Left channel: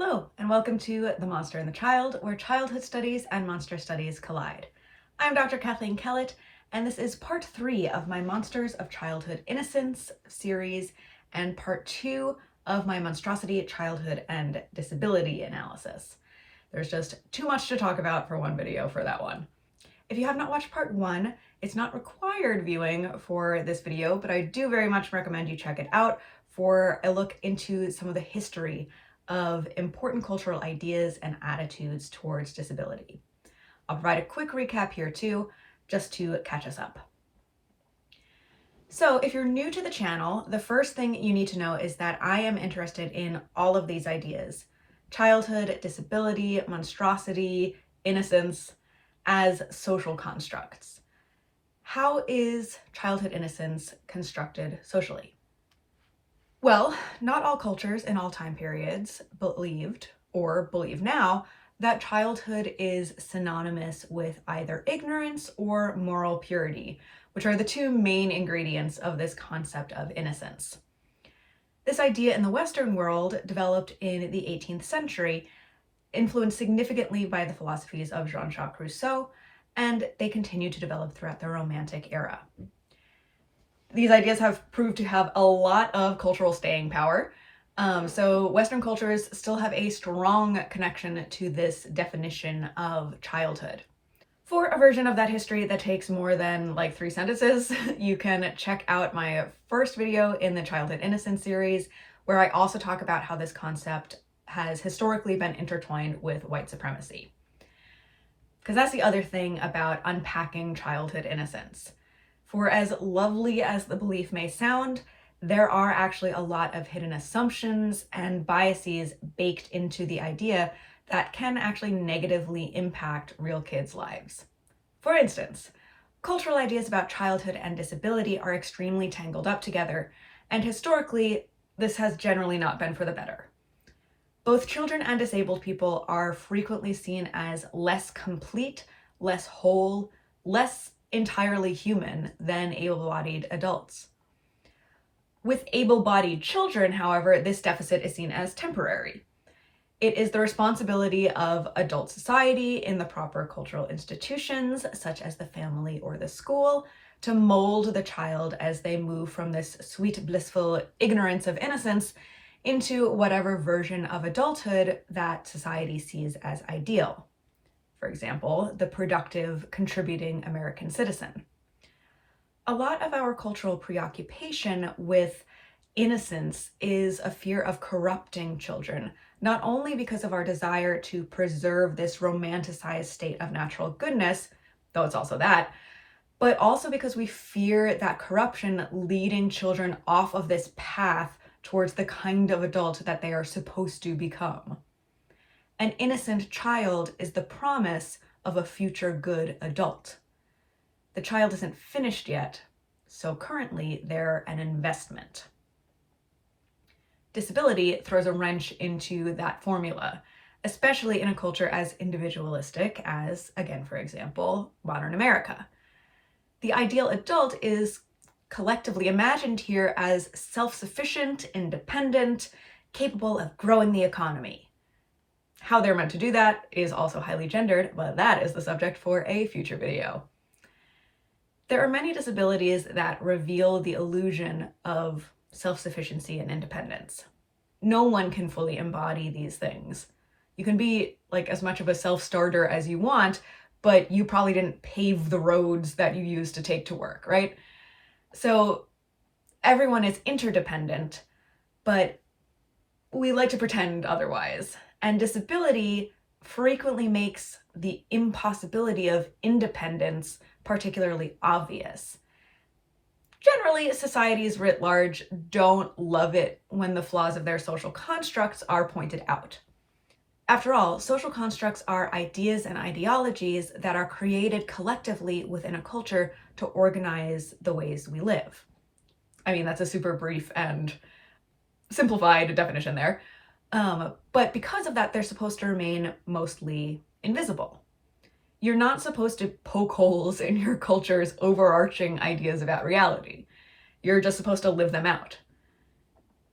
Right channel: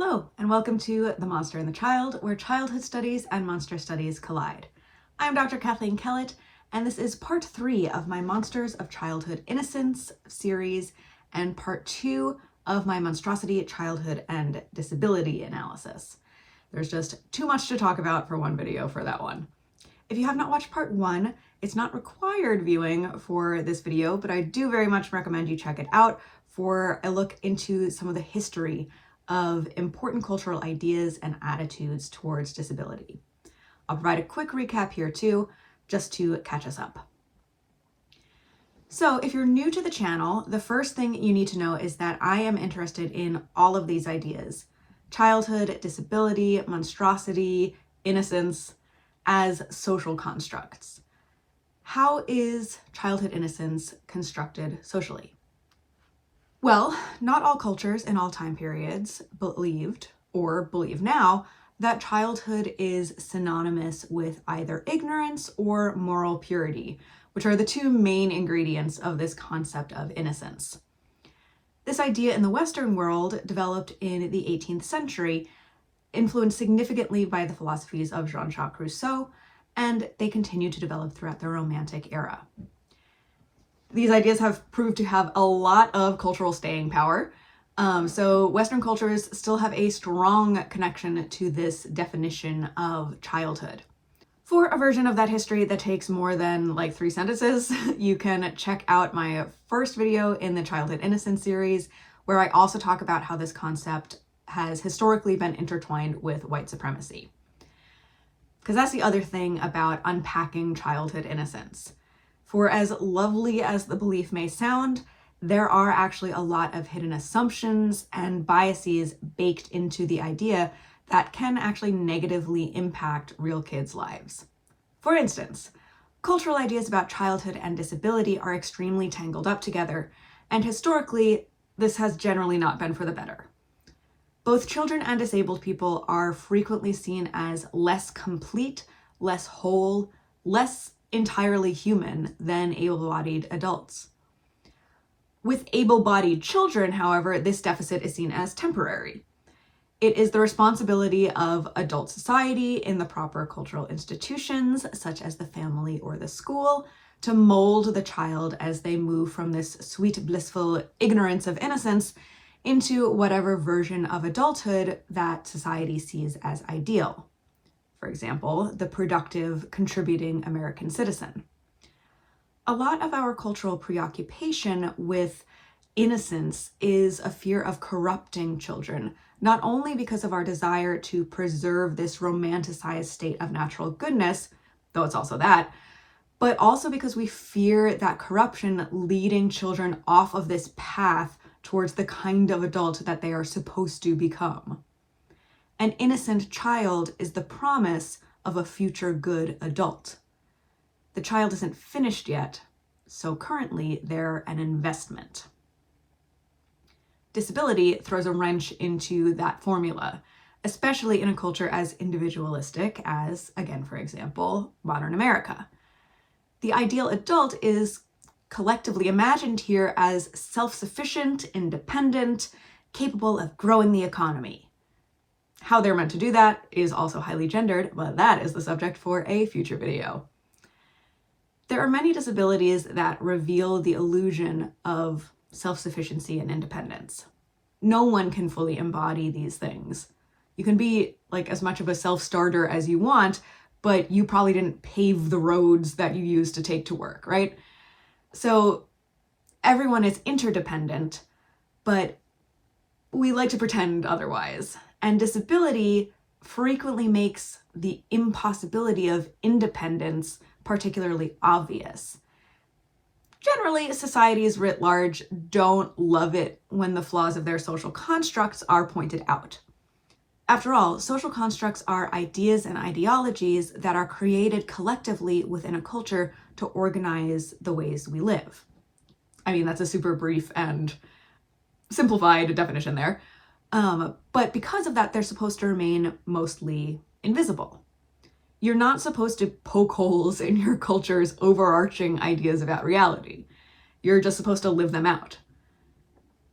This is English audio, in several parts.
Hello, and welcome to The Monster and the Child, where childhood studies and monster studies collide. I'm Dr. Kathleen Kellett, and this is part 3 of my Monsters of Childhood Innocence series, and part 2 of my Monstrosity, Childhood, and Disability analysis. There's just too much to talk about for one video for that one. If you have not watched part 1, it's not required viewing for this video, but I do very much recommend you check it out for a look into some of the history of important cultural ideas and attitudes towards disability. I'll provide a quick recap here too, just to catch us up. So if you're new to the channel, the first thing you need to know is that I am interested in all of these ideas: childhood, disability, monstrosity, innocence, as social constructs. How is childhood innocence constructed socially? Well, not all cultures in all time periods believed, or believe now, that childhood is synonymous with either ignorance or moral purity, which are the two main ingredients of this concept of innocence. This idea in the Western world developed in the 18th century, influenced significantly by the philosophies of Jean-Jacques Rousseau, and they continue to develop throughout the Romantic era. These ideas have proved to have a lot of cultural staying power. So Western cultures still have a strong connection to this definition of childhood. For a version of that history that takes more than like 3 sentences, you can check out my first video in the Childhood Innocence series, where I also talk about how this concept has historically been intertwined with white supremacy. Because that's the other thing about unpacking childhood innocence. For as lovely as the belief may sound, there are actually a lot of hidden assumptions and biases baked into the idea that can actually negatively impact real kids' lives. For instance, cultural ideas about childhood and disability are extremely tangled up together, and historically, this has generally not been for the better. Both children and disabled people are frequently seen as less complete, less whole, less entirely human than able-bodied adults. With able-bodied children, however, this deficit is seen as temporary. It is the responsibility of adult society in the proper cultural institutions, such as the family or the school, to mold the child as they move from this sweet, blissful ignorance of innocence into whatever version of adulthood that society sees as ideal. For example, the productive, contributing American citizen. A lot of our cultural preoccupation with innocence is a fear of corrupting children, not only because of our desire to preserve this romanticized state of natural goodness, though it's also that, but also because we fear that corruption leading children off of this path towards the kind of adult that they are supposed to become. An innocent child is the promise of a future good adult. The child isn't finished yet, so currently they're an investment. Disability throws a wrench into that formula, especially in a culture as individualistic as, again, for example, modern America. The ideal adult is collectively imagined here as self-sufficient, independent, capable of growing the economy. How they're meant to do that is also highly gendered, but that is the subject for a future video. There are many disabilities that reveal the illusion of self-sufficiency and independence. No one can fully embody these things. You can be like as much of a self-starter as you want, but you probably didn't pave the roads that you used to take to work, right? So everyone is interdependent, but we like to pretend otherwise. And disability frequently makes the impossibility of independence particularly obvious. Generally, societies writ large don't love it when the flaws of their social constructs are pointed out. After all, social constructs are ideas and ideologies that are created collectively within a culture to organize the ways we live. I mean, that's a super brief and simplified definition there. But because of that, they're supposed to remain mostly invisible. You're not supposed to poke holes in your culture's overarching ideas about reality. You're just supposed to live them out.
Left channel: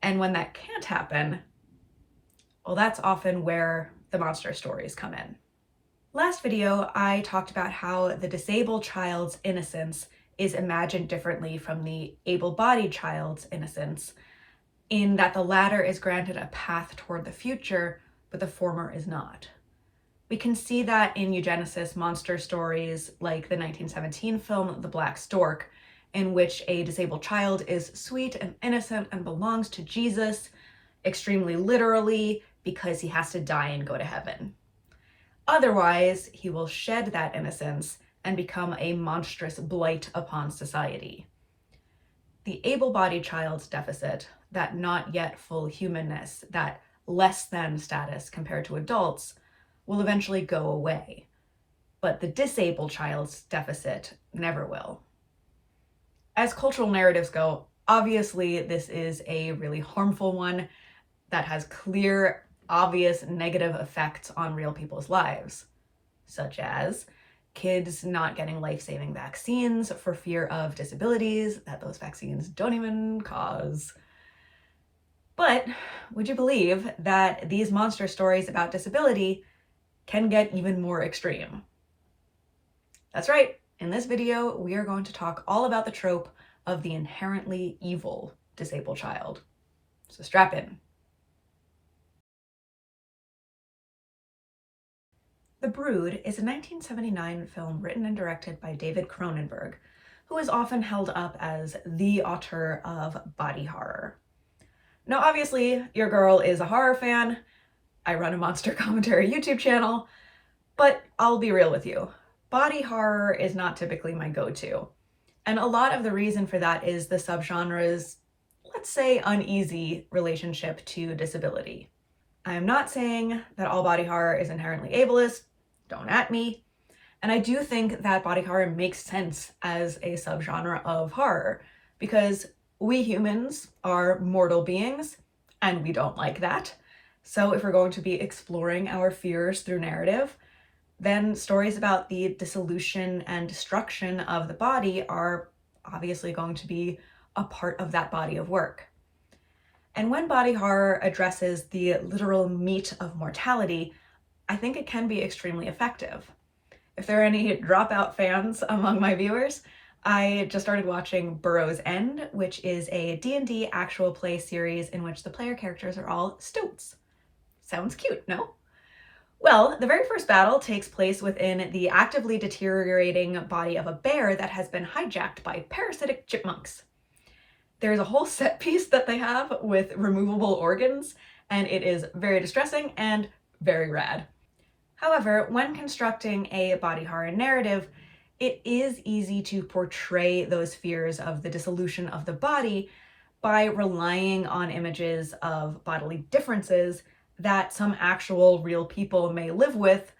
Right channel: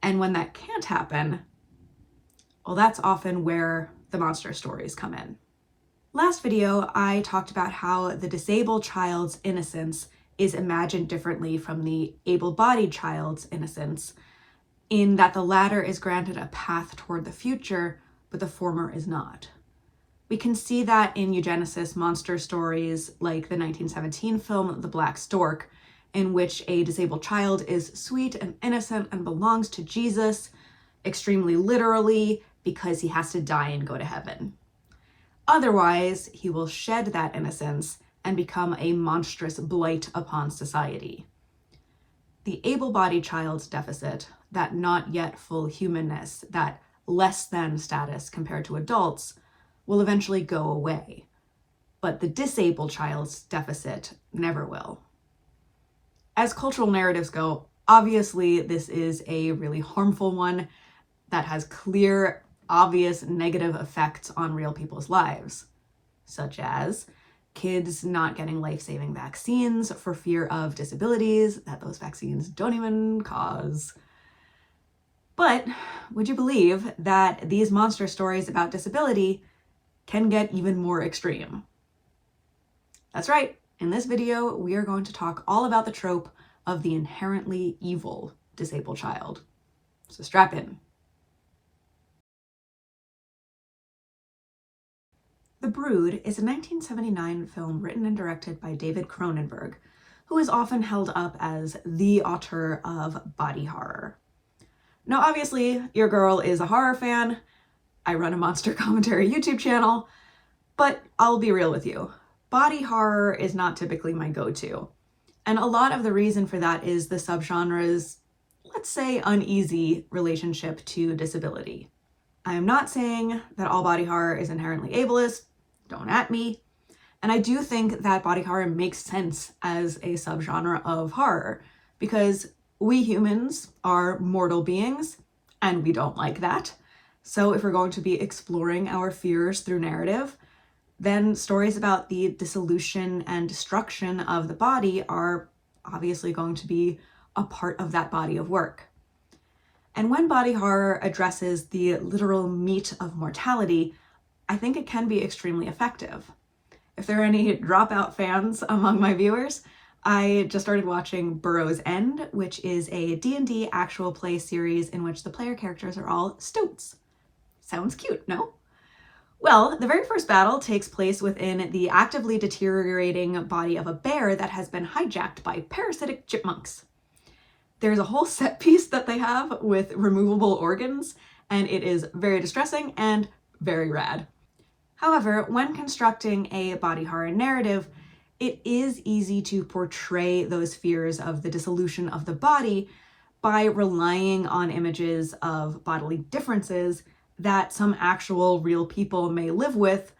And when that can't happen, Well, that's often where the monster stories come in. Last video, I talked about how the disabled child's innocence is imagined differently from the able-bodied child's innocence, in that the latter is granted a path toward the future, but the former is not. We can see that in eugenicist monster stories like the 1917 film The Black Stork, in which a disabled child is sweet and innocent and belongs to Jesus, extremely literally, because he has to die and go to heaven. Otherwise, he will shed that innocence and become a monstrous blight upon society. The able-bodied child's deficit, that not yet full humanness, that less than status compared to adults, will eventually go away. But the disabled child's deficit never will. As cultural narratives go, obviously this is a really harmful one that has clear, obvious negative effects on real people's lives, such as kids not getting life-saving vaccines for fear of disabilities that those vaccines don't even cause. But would you believe that these monster stories about disability can get even more extreme? That's right. In this video, we are going to talk all about the trope of the inherently evil disabled child. So strap in. The Brood is a 1979 film written and directed by David Cronenberg, who is often held up as the auteur of body horror. Now, obviously, your girl is a horror fan. I run a monster commentary YouTube channel, but I'll be real with you. Body horror is not typically my go-to. And a lot of the reason for that is the subgenre's, let's say, uneasy relationship to disability. I am not saying that all body horror is inherently ableist, don't at me. And I do think that body horror makes sense as a subgenre of horror, because we humans are mortal beings, and we don't like that. So if we're going to be exploring our fears through narrative, then stories about the dissolution and destruction of the body are obviously going to be a part of that body of work. And when body horror addresses the literal meat of mortality, I think it can be extremely effective. If there are any Dropout fans among my viewers, I just started watching Burrow's End, which is a D&D actual play series in which the player characters are all stoats. Sounds cute, no? Well, the very first battle takes place within the actively deteriorating body of a bear that has been hijacked by parasitic chipmunks. There's a whole set piece that they have with removable organs, and it is very distressing and very rad. However, when constructing a body horror narrative, it is easy to portray those fears of the dissolution of the body by relying on images of bodily differences that some actual real people may live with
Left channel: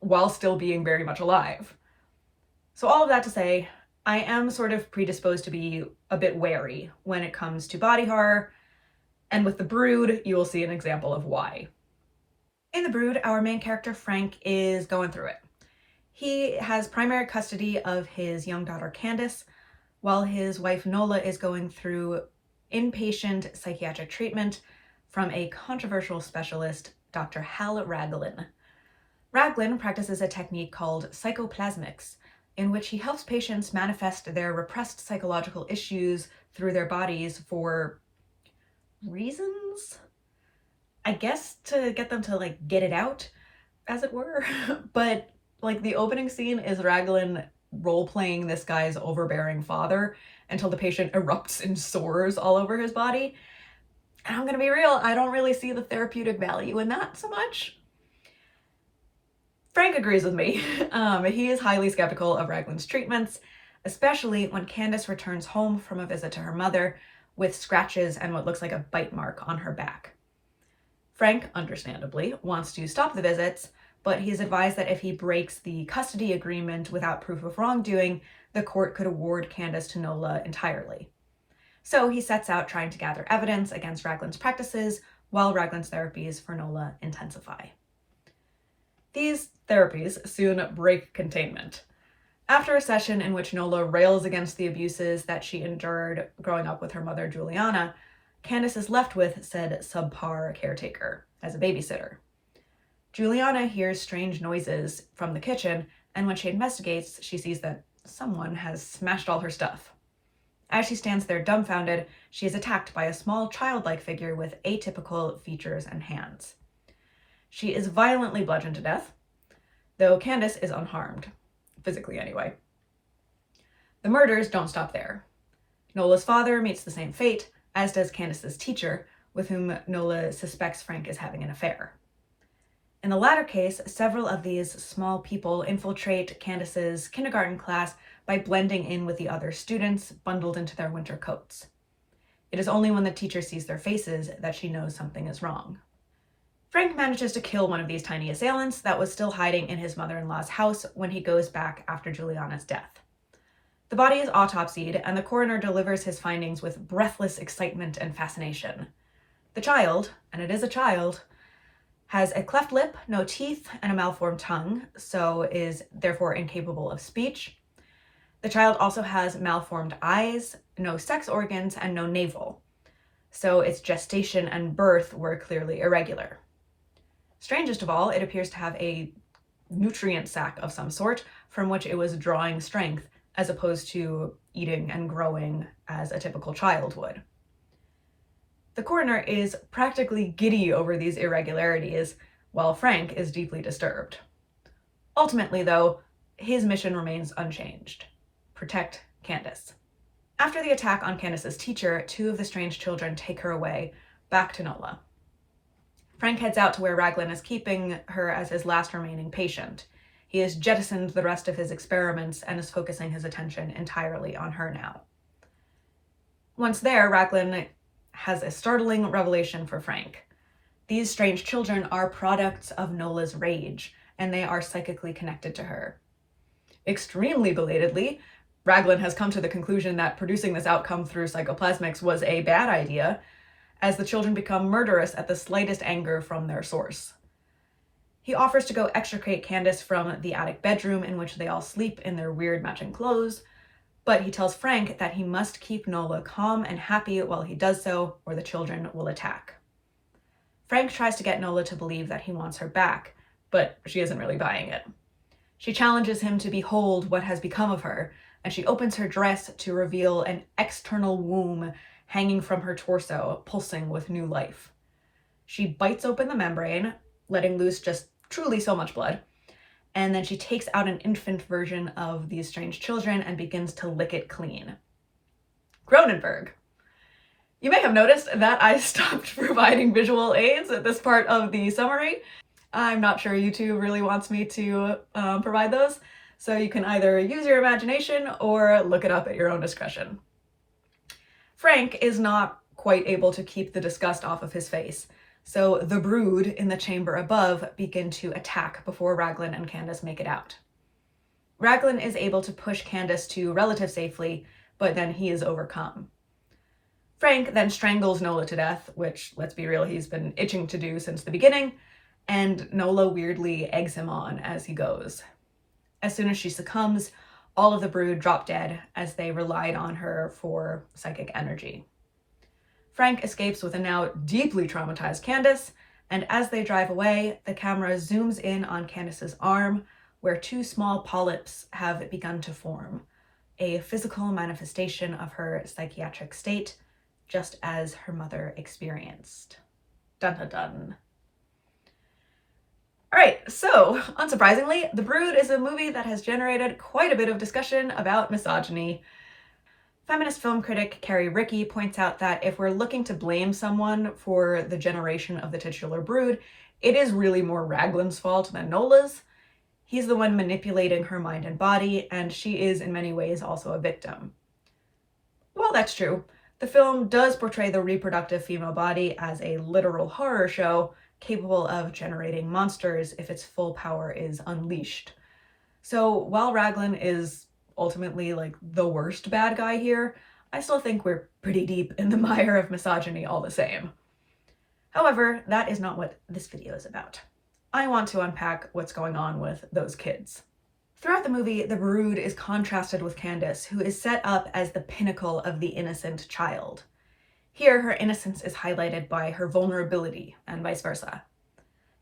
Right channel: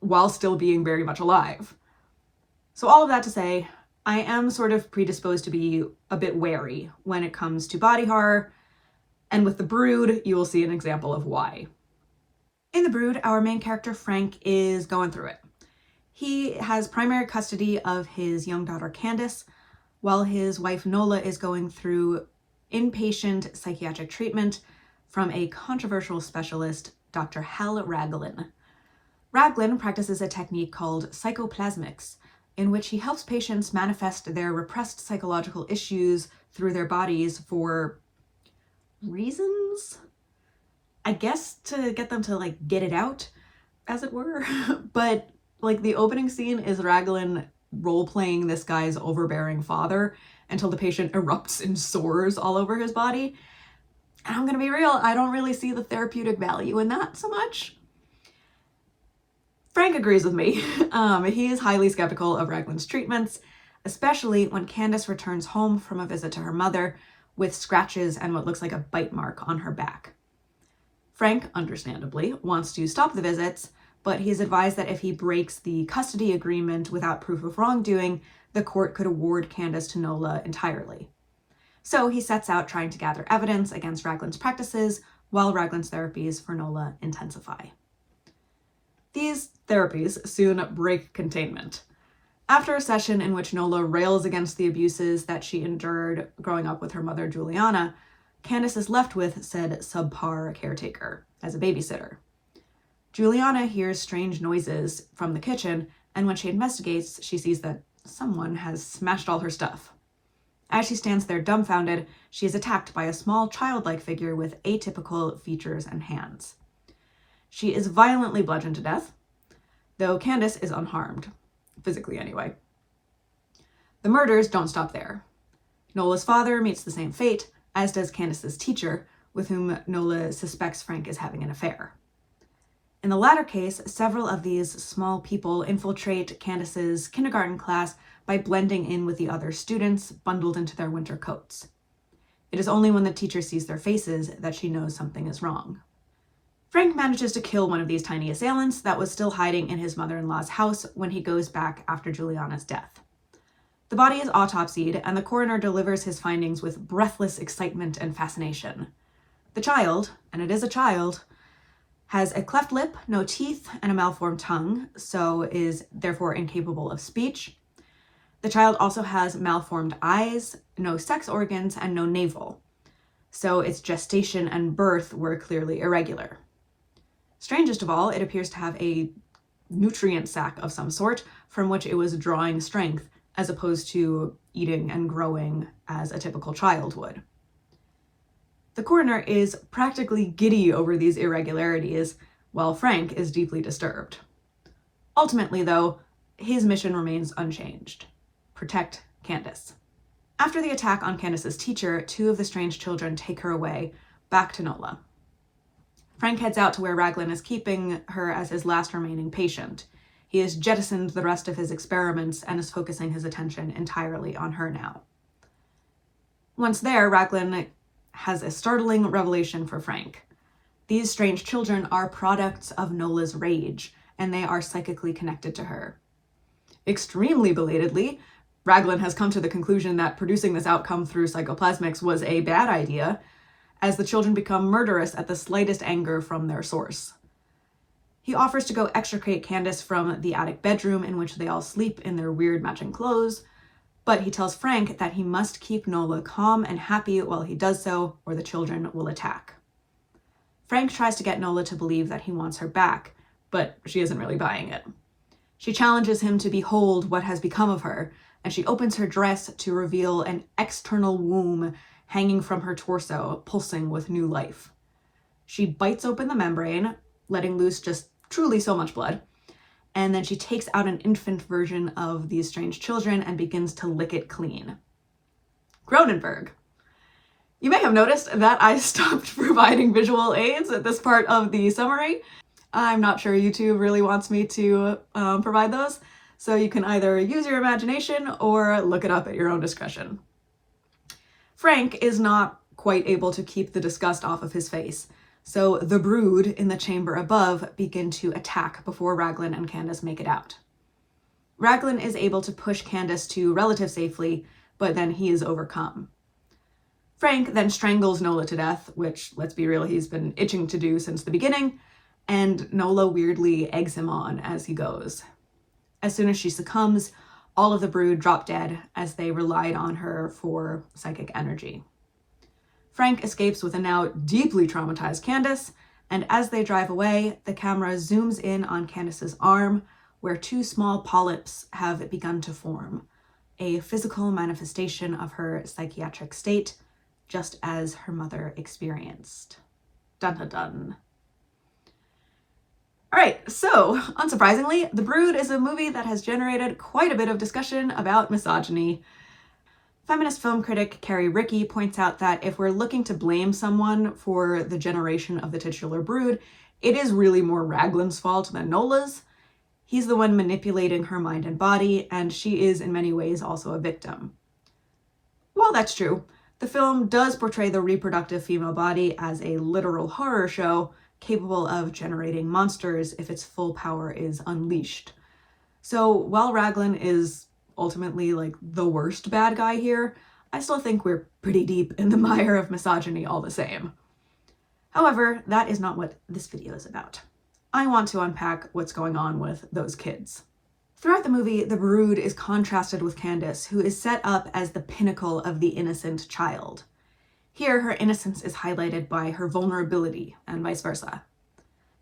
while still being very much alive. So all of that to say, I am sort of predisposed to be a bit wary when it comes to body horror, and with The Brood, you will see an example of why. In The Brood, our main character Frank is going through it. He has primary custody of his young daughter Candace, while his wife Nola is going through inpatient psychiatric treatment from a controversial specialist, Dr. Hal Raglan. Raglan practices a technique called psychoplasmics, in which he helps patients manifest their repressed psychological issues through their bodies for reasons? I guess to get them to like get it out, as it were. But like the opening scene is Raglan role-playing this guy's overbearing father until the patient erupts in sores all over his body. And I'm gonna be real, I don't really see the therapeutic value in that so much. Frank agrees with me. He is highly skeptical of Raglan's treatments, especially when Candace returns home from a visit to her mother with scratches and what looks like a bite mark on her back. Frank, understandably, wants to stop the visits, but he's advised that if he breaks the custody agreement without proof of wrongdoing, the court could award Candace to Nola entirely. So he sets out trying to gather evidence against Raglan's practices while Raglan's therapies for Nola intensify. These therapies soon break containment. After a session in which Nola rails against the abuses that she endured growing up with her mother Juliana, Candace is left with said subpar caretaker, as a babysitter. Juliana hears strange noises from the kitchen, and when she investigates, she sees that someone has smashed all her stuff. As she stands there dumbfounded, she is attacked by a small childlike figure with atypical features and hands. She is violently bludgeoned to death, though Candace is unharmed, physically anyway. The murders don't stop there. Nola's father meets the same fate, as does Candace's teacher, with whom Nola suspects Frank is having an affair. In the latter case, several of these small people infiltrate Candace's kindergarten class by blending in with the other students, bundled into their winter coats. It is only when the teacher sees their faces that she knows something is wrong. Frank manages to kill one of these tiny assailants that was still hiding in his mother-in-law's house when he goes back after Juliana's death. The body is autopsied, and the coroner delivers his findings with breathless excitement and fascination. The child, and it is a child, has a cleft lip, no teeth, and a malformed tongue, so is therefore incapable of speech. The child also has malformed eyes, no sex organs, and no navel, so its gestation and birth were clearly irregular. Strangest of all, it appears to have a nutrient sac of some sort from which it was drawing strength, as opposed to eating and growing as a typical child would. The coroner is practically giddy over these irregularities, while Frank is deeply disturbed. Ultimately, though, his mission remains unchanged: protect Candace. After the attack on Candace's teacher, two of the strange children take her away, back to Nola. Frank heads out to where Raglan is keeping her as his last remaining patient. He has jettisoned the rest of his experiments and is focusing his attention entirely on her now. Once there, Raglan has a startling revelation for Frank. These strange children are products of Nola's rage, and they are psychically connected to her. Extremely belatedly, Raglan has come to the conclusion that producing this outcome through psychoplasmics was a bad idea, as the children become murderous at the slightest anger from their source. He offers to go extricate Candace from the attic bedroom in which they all sleep in their weird matching clothes, but he tells Frank that he must keep Nola calm and happy while he does so, or the children will attack. Frank tries to get Nola to believe that he wants her back, but she isn't really buying it. She challenges him to behold what has become of her, and she opens her dress to reveal an external womb hanging from her torso, pulsing with new life. She bites open the membrane, letting loose just truly so much blood, and then she takes out an infant version of these strange children and begins to lick it clean. Cronenberg. You may have noticed that I stopped providing visual aids at this part of the summary. I'm not sure YouTube really wants me to provide those, so you can either use your imagination or look it up at your own discretion. Frank is not quite able to keep the disgust off of his face, so the brood in the chamber above begin to attack before Raglan and Candace make it out. Raglan is able to push Candace to relative safely, but then he is overcome. Frank then strangles Nola to death, which, let's be real, he's been itching to do since the beginning, and Nola weirdly eggs him on as he goes. As soon as she succumbs, all of the brood drop dead as they relied on her for psychic energy. Frank escapes with a now deeply traumatized Candace, and as they drive away, the camera zooms in on Candace's arm, where two small polyps have begun to form, a physical manifestation of her psychiatric state, just as her mother experienced. Dun dun dun. Alright, so, unsurprisingly, The Brood is a movie that has generated quite a bit of discussion about misogyny. Feminist film critic Carrie Rickey points out that if we're looking to blame someone for the generation of the titular brood, it is really more Raglan's fault than Nola's. He's the one manipulating her mind and body, and she is in many ways also a victim. While that's true, the film does portray the reproductive female body as a literal horror show capable of generating monsters if its full power is unleashed. So while Raglan is ultimately like the worst bad guy here, I still think we're pretty deep in the mire of misogyny all the same. However, that is not what this video is about. I want to unpack what's going on with those kids. Throughout the movie, the brood is contrasted with Candace, who is set up as the pinnacle of the innocent child. Here, her innocence is highlighted by her vulnerability, and vice versa.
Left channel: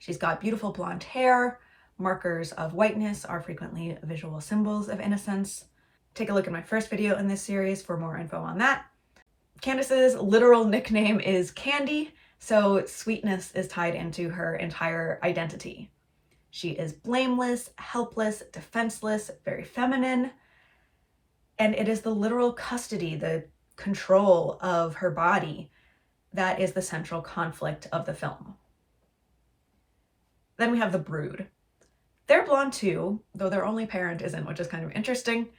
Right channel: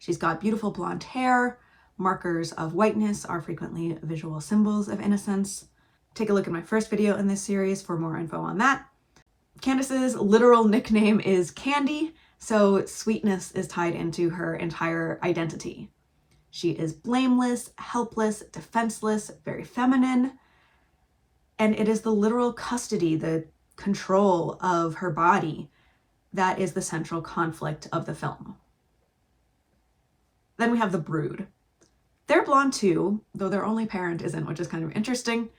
She's got beautiful blonde hair. Markers of whiteness are frequently visual symbols of innocence. Take a look at my first video in this series for more info on that. Candace's literal nickname is Candy, so sweetness is tied into her entire identity. She is blameless, helpless, defenseless, very feminine, and it is the literal custody, the control of her body, that is the central conflict of the film. Then we have the Brood. They're blonde too, though their only parent isn't, which is kind of interesting,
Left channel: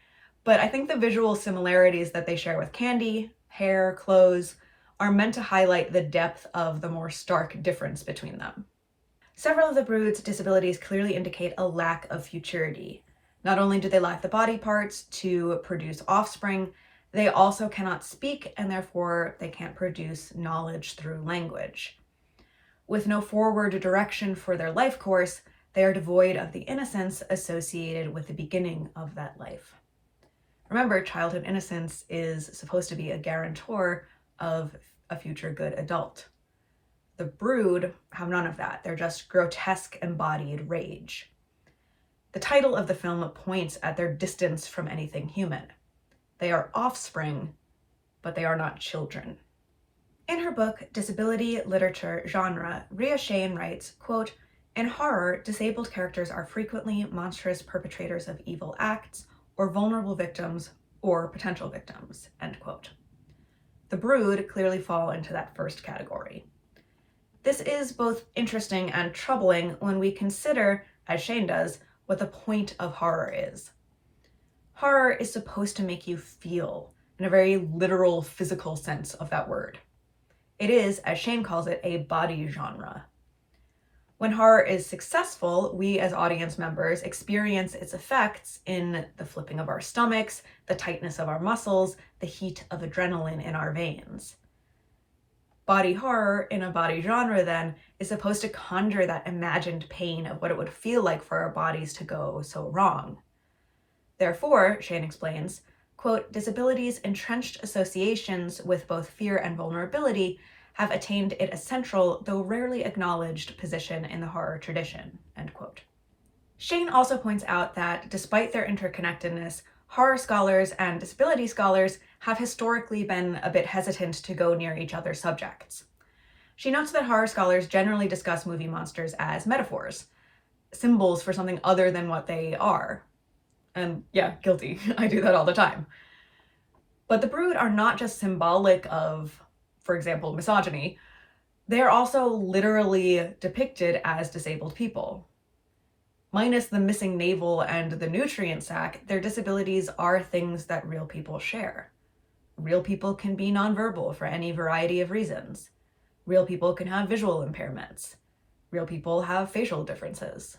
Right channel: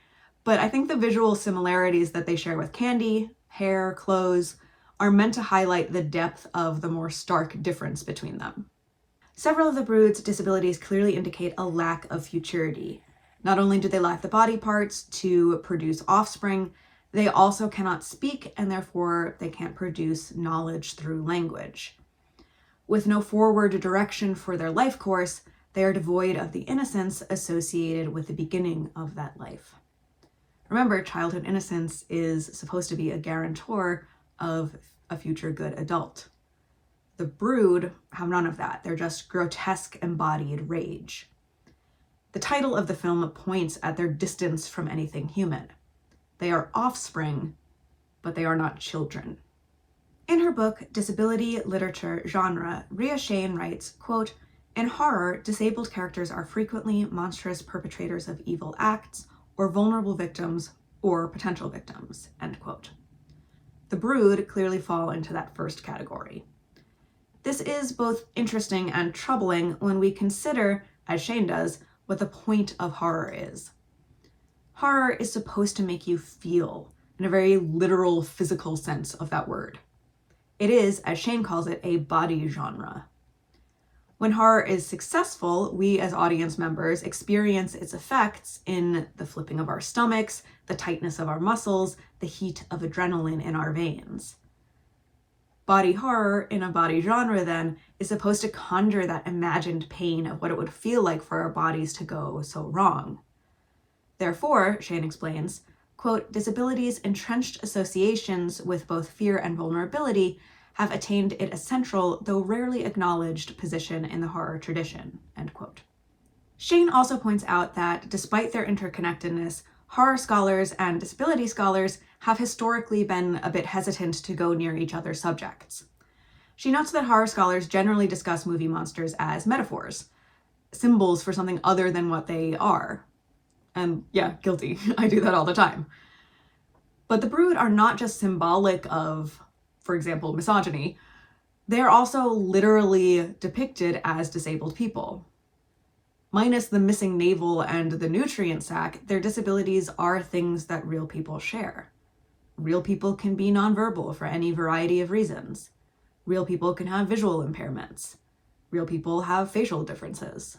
but I think the visual similarities that they share with Candy, hair, clothes, are meant to highlight the depth of the more stark difference between them. Several of the Brood's disabilities clearly indicate a lack of futurity. Not only do they lack the body parts to produce offspring, they also cannot speak, and therefore they can't produce knowledge through language. With no forward direction for their life course, they are devoid of the innocence associated with the beginning of that life. Remember, childhood innocence is supposed to be a guarantor of a future good adult. The Brood have none of that. They're just grotesque embodied rage. The title of the film points at their distance from anything human. They are offspring, but they are not children. In her book, Disability, Literature, Genre, Rhea Shane writes, quote, "In horror, disabled characters are frequently monstrous perpetrators of evil acts, or vulnerable victims, or potential victims," end quote. The Brood clearly fall into that first category. This is both interesting and troubling when we consider, as Shane does, what the point of horror is. Horror is supposed to make you feel, in a very literal, physical sense of that word. It is, as Shane calls it, a body genre. When horror is successful, we as audience members experience its effects in the flipping of our stomachs, the tightness of our muscles, the heat of adrenaline in our veins. Body horror in a body genre, then, is supposed to conjure that imagined pain of what it would feel like for our bodies to go so wrong. Therefore, Shane explains, quote, "Disabilities' entrenched associations with both fear and vulnerability have attained it a central, though rarely acknowledged, position in the horror tradition," end quote. Shane also points out that despite their interconnectedness, horror scholars and disability scholars have historically been a bit hesitant to go near each other's subjects. She notes that horror scholars generally discuss movie monsters as metaphors, symbols for something other than what they are. And yeah, guilty. I do that all the time. But the Brood are not just symbolic of, for example, misogyny. They are also literally depicted as disabled people. Minus the missing navel and the nutrient sac, their disabilities are things that real people share. Real people can be nonverbal for any variety of reasons. Real people can have visual impairments. Real people have facial differences.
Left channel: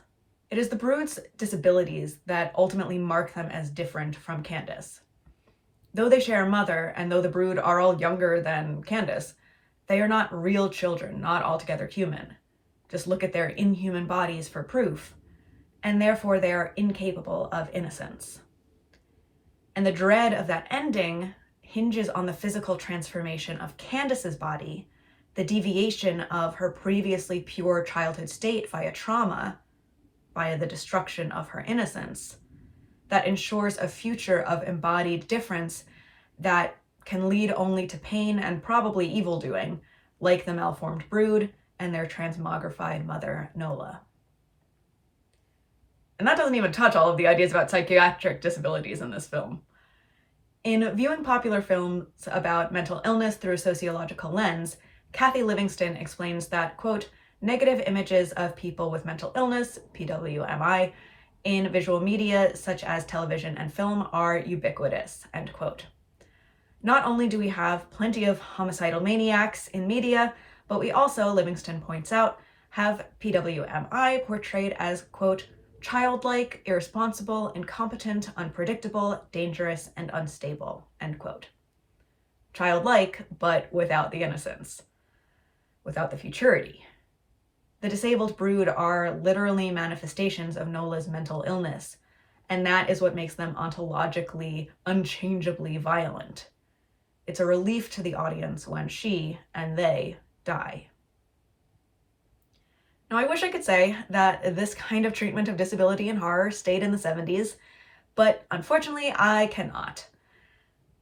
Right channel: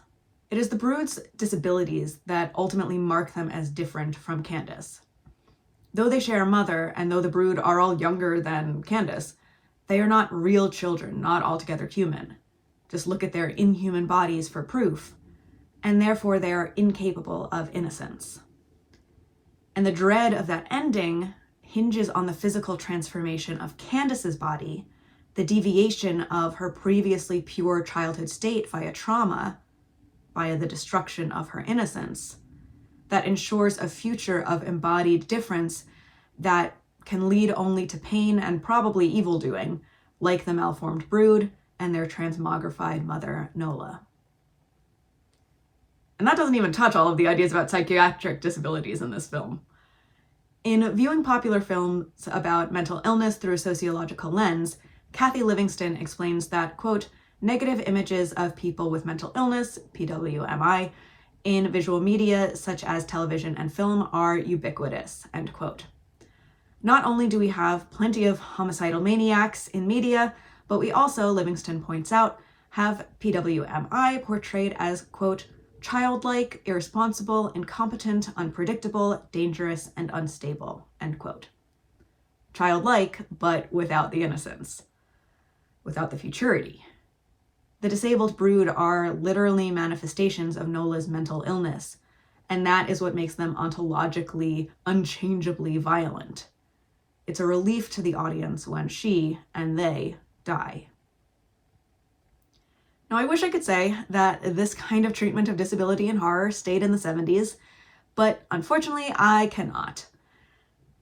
It is the Brood's disabilities that ultimately mark them as different from Candace. Though they share a mother, and though the Brood are all younger than Candace, they are not real children, not altogether human. Just look at their inhuman bodies for proof, and therefore they are incapable of innocence. And the dread of that ending hinges on the physical transformation of Candace's body, the deviation of her previously pure childhood state via trauma, via the destruction of her innocence, that ensures a future of embodied difference that can lead only to pain and probably evil doing, like the malformed Brood and their transmogrified mother, Nola. And that doesn't even touch all of the ideas about psychiatric disabilities in this film. In viewing popular films about mental illness through a sociological lens, Kathy Livingston explains that, quote, "Negative images of people with mental illness, PWMI, in visual media such as television and film are ubiquitous," end quote. Not only do we have plenty of homicidal maniacs in media, but we also, Livingston points out, have PWMI portrayed as, quote, "childlike, irresponsible, incompetent, unpredictable, dangerous, and unstable," end quote. Childlike, but without the innocence, without the futurity. The disabled Brood are literally manifestations of Nola's mental illness, and that is what makes them ontologically, unchangeably violent. It's a relief to the audience when she and they die. Now, I wish I could say that this kind of treatment of disability in horror stayed in the 70s, but unfortunately, I cannot.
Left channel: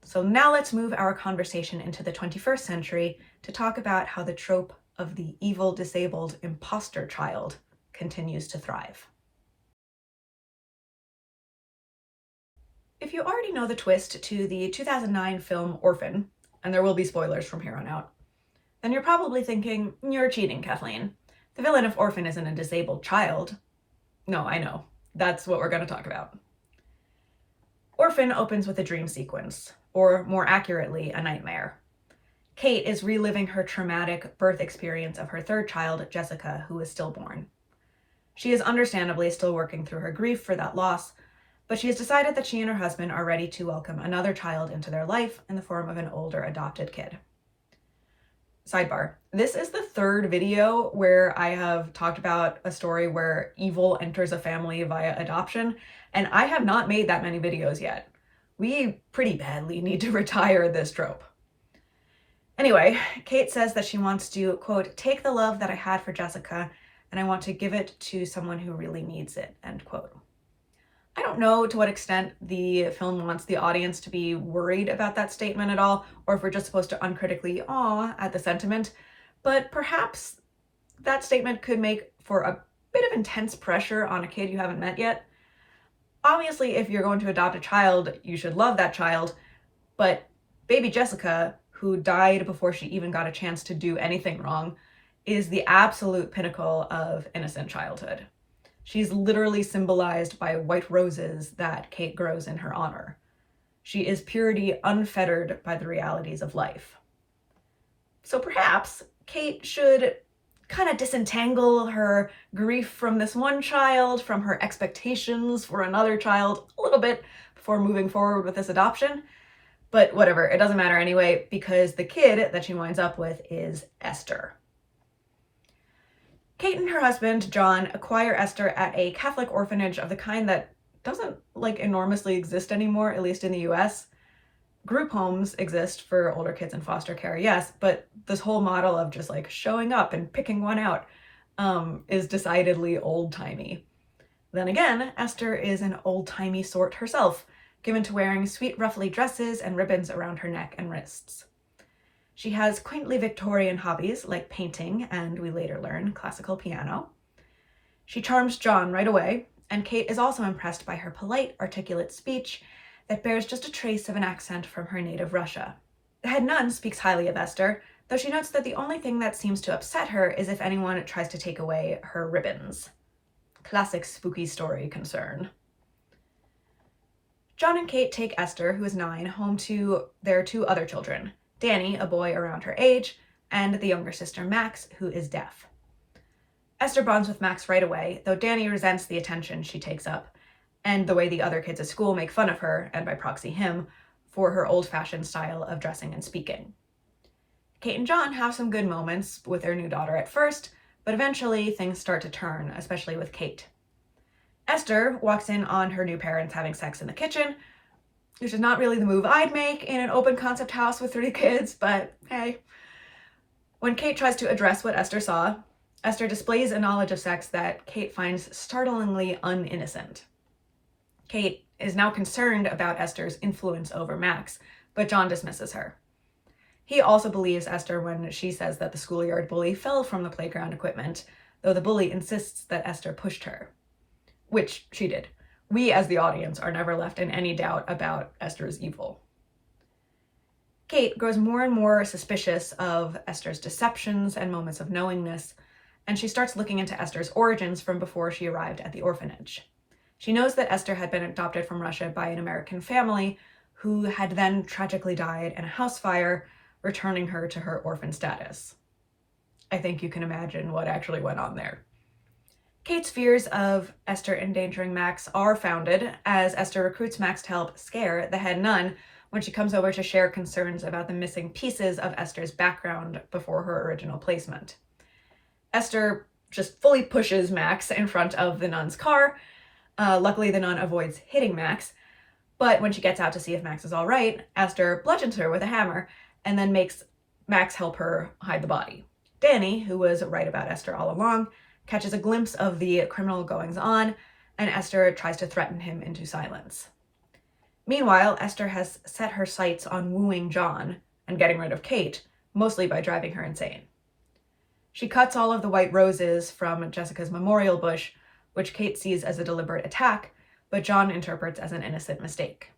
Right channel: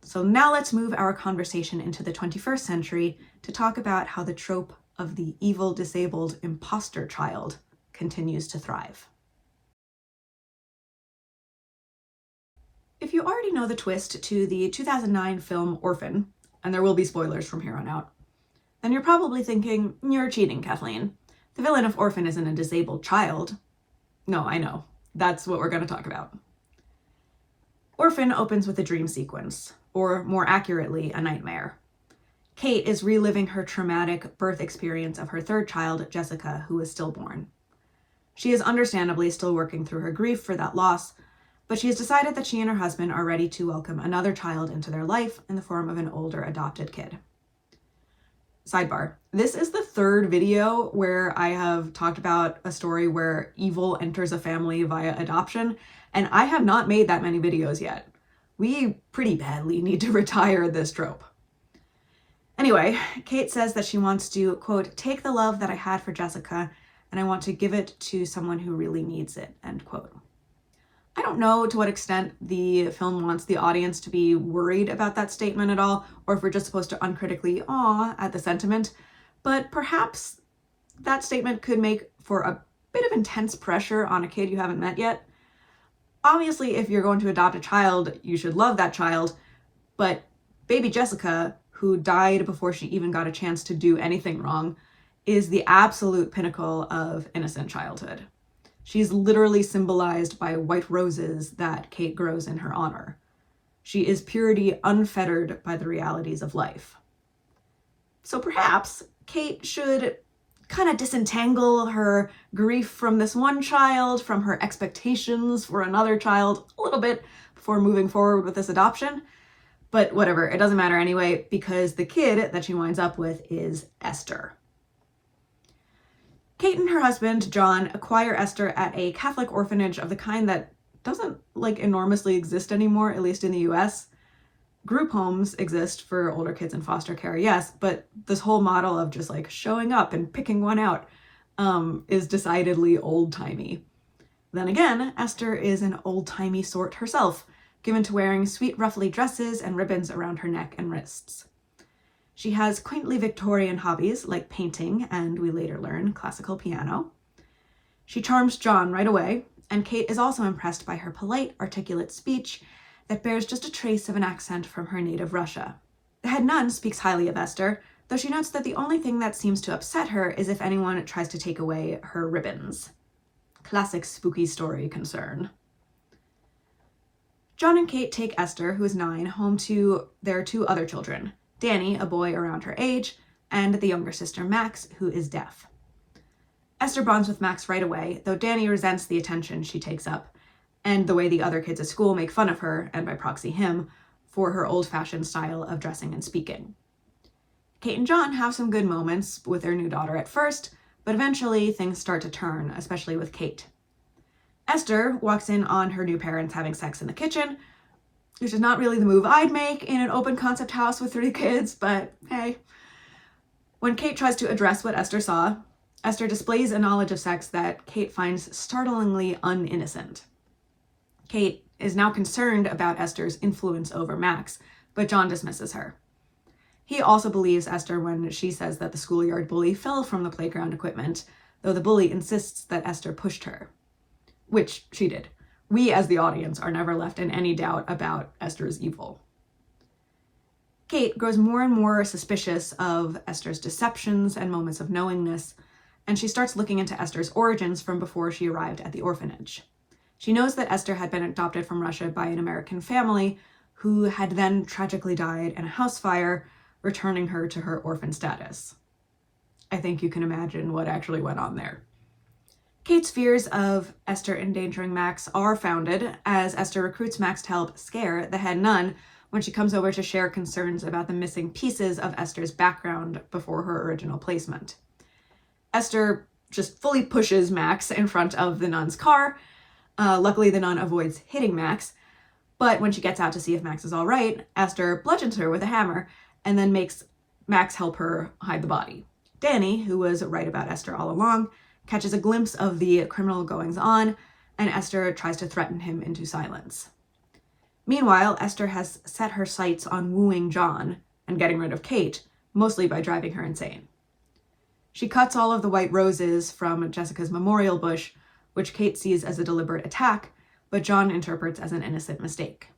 So now let's move our conversation into the 21st century to talk about how the trope of the evil, disabled imposter child continues to thrive. If you already know the twist to the 2009 film Orphan, and there will be spoilers from here on out, then you're probably thinking, you're cheating, Kathleen. The villain of Orphan isn't a disabled child. No, I know. That's what we're going to talk about. Orphan opens with a dream sequence, or more accurately, a nightmare. Kate is reliving her traumatic birth experience of her third child, Jessica, who is stillborn. She is understandably still working through her grief for that loss, but she has decided that she and her husband are ready to welcome another child into their life in the form of an older adopted kid. Sidebar, this is the third video where I have talked about a story where evil enters a family via adoption, and I have not made that many videos yet. We pretty badly need to retire this trope. Anyway, Kate says that she wants to, quote, take the love that I had for Jessica, and I want to give it to someone who really needs it, end quote. I don't know to what extent the film wants the audience to be worried about that statement at all, or if we're just supposed to uncritically awe at the sentiment, but perhaps that statement could make for a bit of intense pressure on a kid you haven't met yet. Obviously, if you're going to adopt a child, you should love that child, but baby Jessica, who died before she even got a chance to do anything wrong, is the absolute pinnacle of innocent childhood. She's literally symbolized by white roses that Kate grows in her honor. She is purity unfettered by the realities of life. So perhaps Kate should kind of disentangle her grief from this one child, from her expectations for another child a little bit before moving forward with this adoption. But whatever, it doesn't matter anyway, because the kid that she winds up with is Esther. Kate and her husband, John, acquire Esther at a Catholic orphanage of the kind that doesn't enormously exist anymore, at least in the US. Group homes exist for older kids in foster care, yes, but this whole model of just showing up and picking one out is decidedly old-timey. Then again, Esther is an old-timey sort herself, given to wearing sweet ruffly dresses and ribbons around her neck and wrists. She has quaintly Victorian hobbies like painting and, we later learn, classical piano. She charms John right away, and Kate is also impressed by her polite, articulate speech that bears just a trace of an accent from her native Russia. The head nun speaks highly of Esther, though she notes that the only thing that seems to upset her is if anyone tries to take away her ribbons. Classic spooky story concern. John and Kate take Esther, who is 9, home to their 2 other children, Danny, a boy around her age, and the younger sister Max, who is deaf. Esther bonds with Max right away, though Danny resents the attention she takes up, and the way the other kids at school make fun of her, and by proxy him, for her old-fashioned style of dressing and speaking. Kate and John have some good moments with their new daughter at first, but eventually things start to turn, especially with Kate. Esther walks in on her new parents having sex in the kitchen, which is not really the move I'd make in an open concept house with 3 kids, but hey. When Kate tries to address what Esther saw, Esther displays a knowledge of sex that Kate finds startlingly uninnocent. Kate is now concerned about Esther's influence over Max, but John dismisses her. He also believes Esther when she says that the schoolyard bully fell from the playground equipment, though the bully insists that Esther pushed her. Which she did. We, as the audience, are never left in any doubt about Esther's evil. Kate grows more and more suspicious of Esther's deceptions and moments of knowingness, and she starts looking into Esther's origins from before she arrived at the orphanage. She knows that Esther had been adopted from Russia by an American family who had then tragically died in a house fire, returning her to her orphan status. I think you can imagine what actually went on there. Kate's fears of Esther endangering Max are founded, as Esther recruits Max to help scare the head nun when she comes over to share concerns about the missing pieces of Esther's background before her original placement. Esther just fully pushes Max in front of the nun's car. Luckily, the nun avoids hitting Max, but when she gets out to see if Max is all right, Esther bludgeons her with a hammer and then makes Max help her hide the body. Danny, who was right about Esther all along, catches a glimpse of the criminal goings-on, and Esther tries to threaten him into silence. Meanwhile, Esther has set her sights on wooing John and getting rid of Kate, mostly by driving her insane. She cuts all of the white roses from Jessica's memorial bush, which Kate sees as a deliberate attack, but John interprets as an innocent mistake.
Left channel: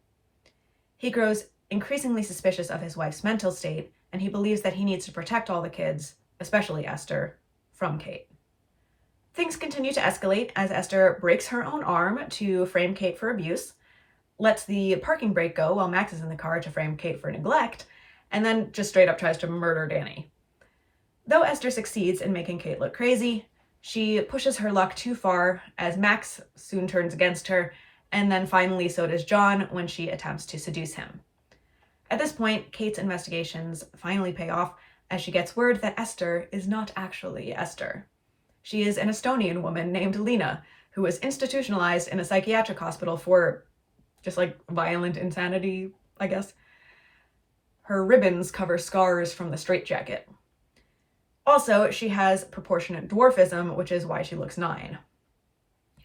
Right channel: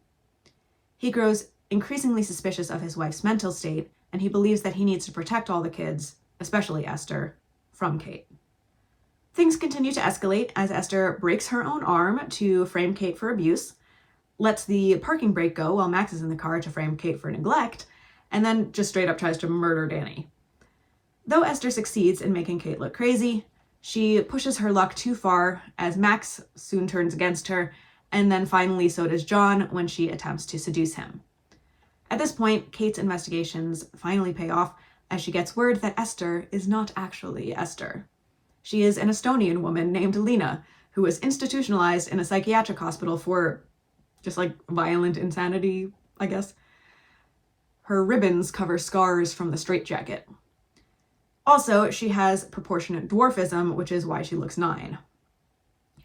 He grows increasingly suspicious of his wife's mental state, and he believes that he needs to protect all the kids, especially Esther, from Kate. Things continue to escalate as Esther breaks her own arm to frame Kate for abuse, lets the parking brake go while Max is in the car to frame Kate for neglect, and then just straight up tries to murder Danny. Though Esther succeeds in making Kate look crazy, she pushes her luck too far as Max soon turns against her, and then finally so does John when she attempts to seduce him. At this point, Kate's investigations finally pay off as she gets word that Esther is not actually Esther. She is an Estonian woman named Lena, who was institutionalized in a psychiatric hospital for just like violent insanity, I guess. Her ribbons cover scars from the straitjacket. Also, she has proportionate dwarfism, which is why she looks 9.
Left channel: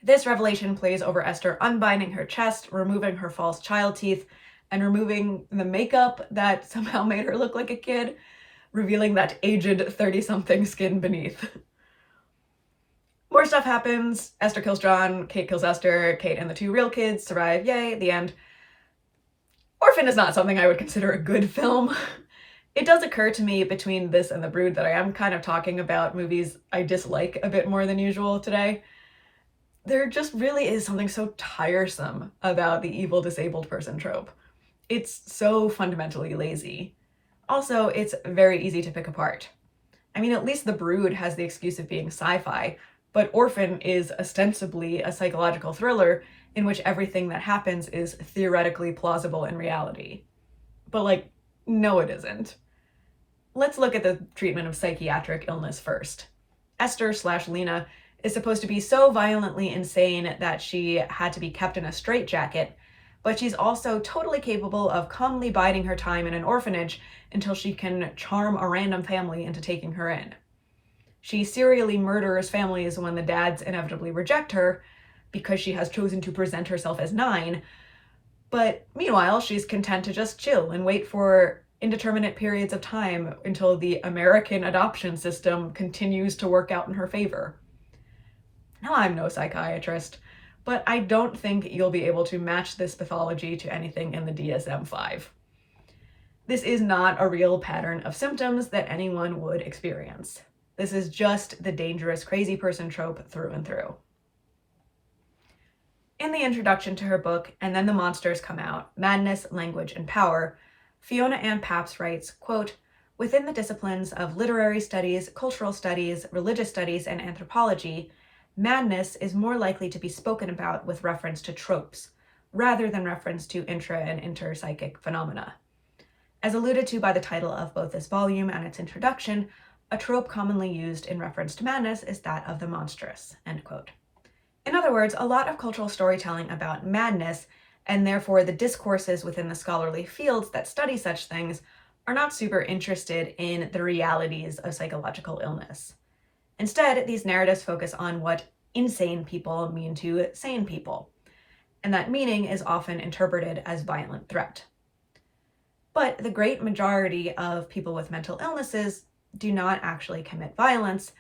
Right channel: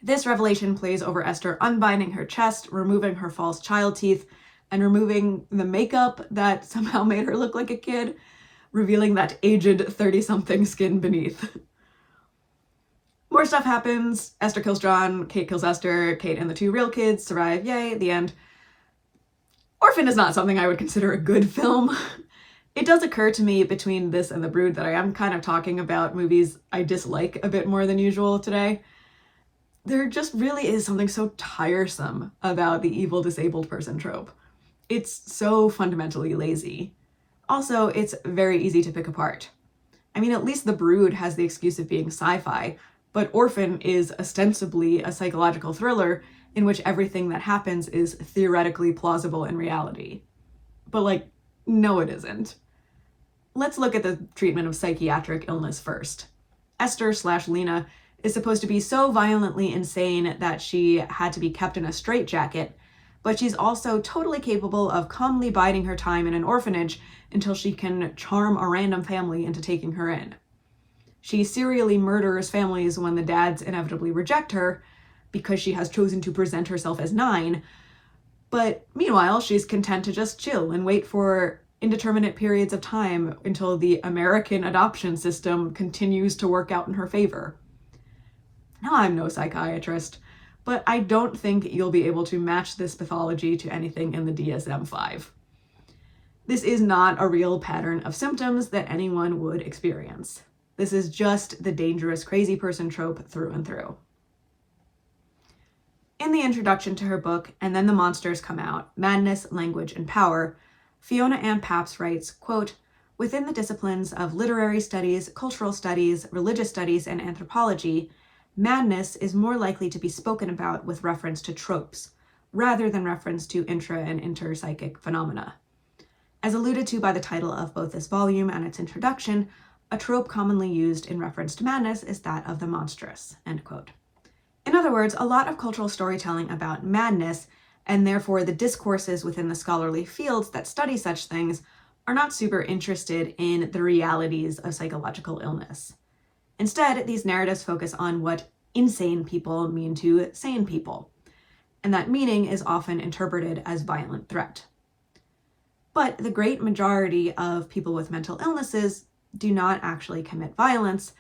This revelation plays over Esther unbinding her chest, removing her false child teeth, and removing the makeup that somehow made her look like a kid, revealing that aged 30-something skin beneath. More stuff happens. Esther kills John, Kate kills Esther, Kate and the 2 real kids survive, yay, the end. Orphan is not something I would consider a good film. It does occur to me between this and The Brood that I am kind of talking about movies I dislike a bit more than usual today. There just really is something so tiresome about the evil disabled person trope. It's so fundamentally lazy. Also, it's very easy to pick apart. I mean, at least The Brood has the excuse of being sci-fi, but Orphan is ostensibly a psychological thriller in which everything that happens is theoretically plausible in reality. But like, no it isn't. Let's look at the treatment of psychiatric illness first. Esther/Lena is supposed to be so violently insane that she had to be kept in a straitjacket, but she's also totally capable of calmly biding her time in an orphanage until she can charm a random family into taking her in. She serially murders families when the dads inevitably reject her because she has chosen to present herself as 9, but meanwhile she's content to just chill and wait for indeterminate periods of time until the American adoption system continues to work out in her favor. Now, I'm no psychiatrist, but I don't think you'll be able to match this pathology to anything in the DSM-5. This is not a real pattern of symptoms that anyone would experience. This is just the dangerous crazy person trope through and through. In the introduction to her book, And Then the Monsters Come Out, Madness, Language, and Power, Fiona Ann Papps writes, quote, "Within the disciplines of literary studies, cultural studies, religious studies, and anthropology, madness is more likely to be spoken about with reference to tropes, rather than reference to intra- and interpsychic phenomena. As alluded to by the title of both this volume and its introduction, a trope commonly used in reference to madness is that of the monstrous," end quote. In other words, a lot of cultural storytelling about madness, and therefore the discourses within the scholarly fields that study such things, are not super interested in the realities of psychological illness. Instead, these narratives focus on what insane people mean to sane people, and that meaning is often interpreted as violent threat. But the great majority of people with mental illnesses do not actually commit violence,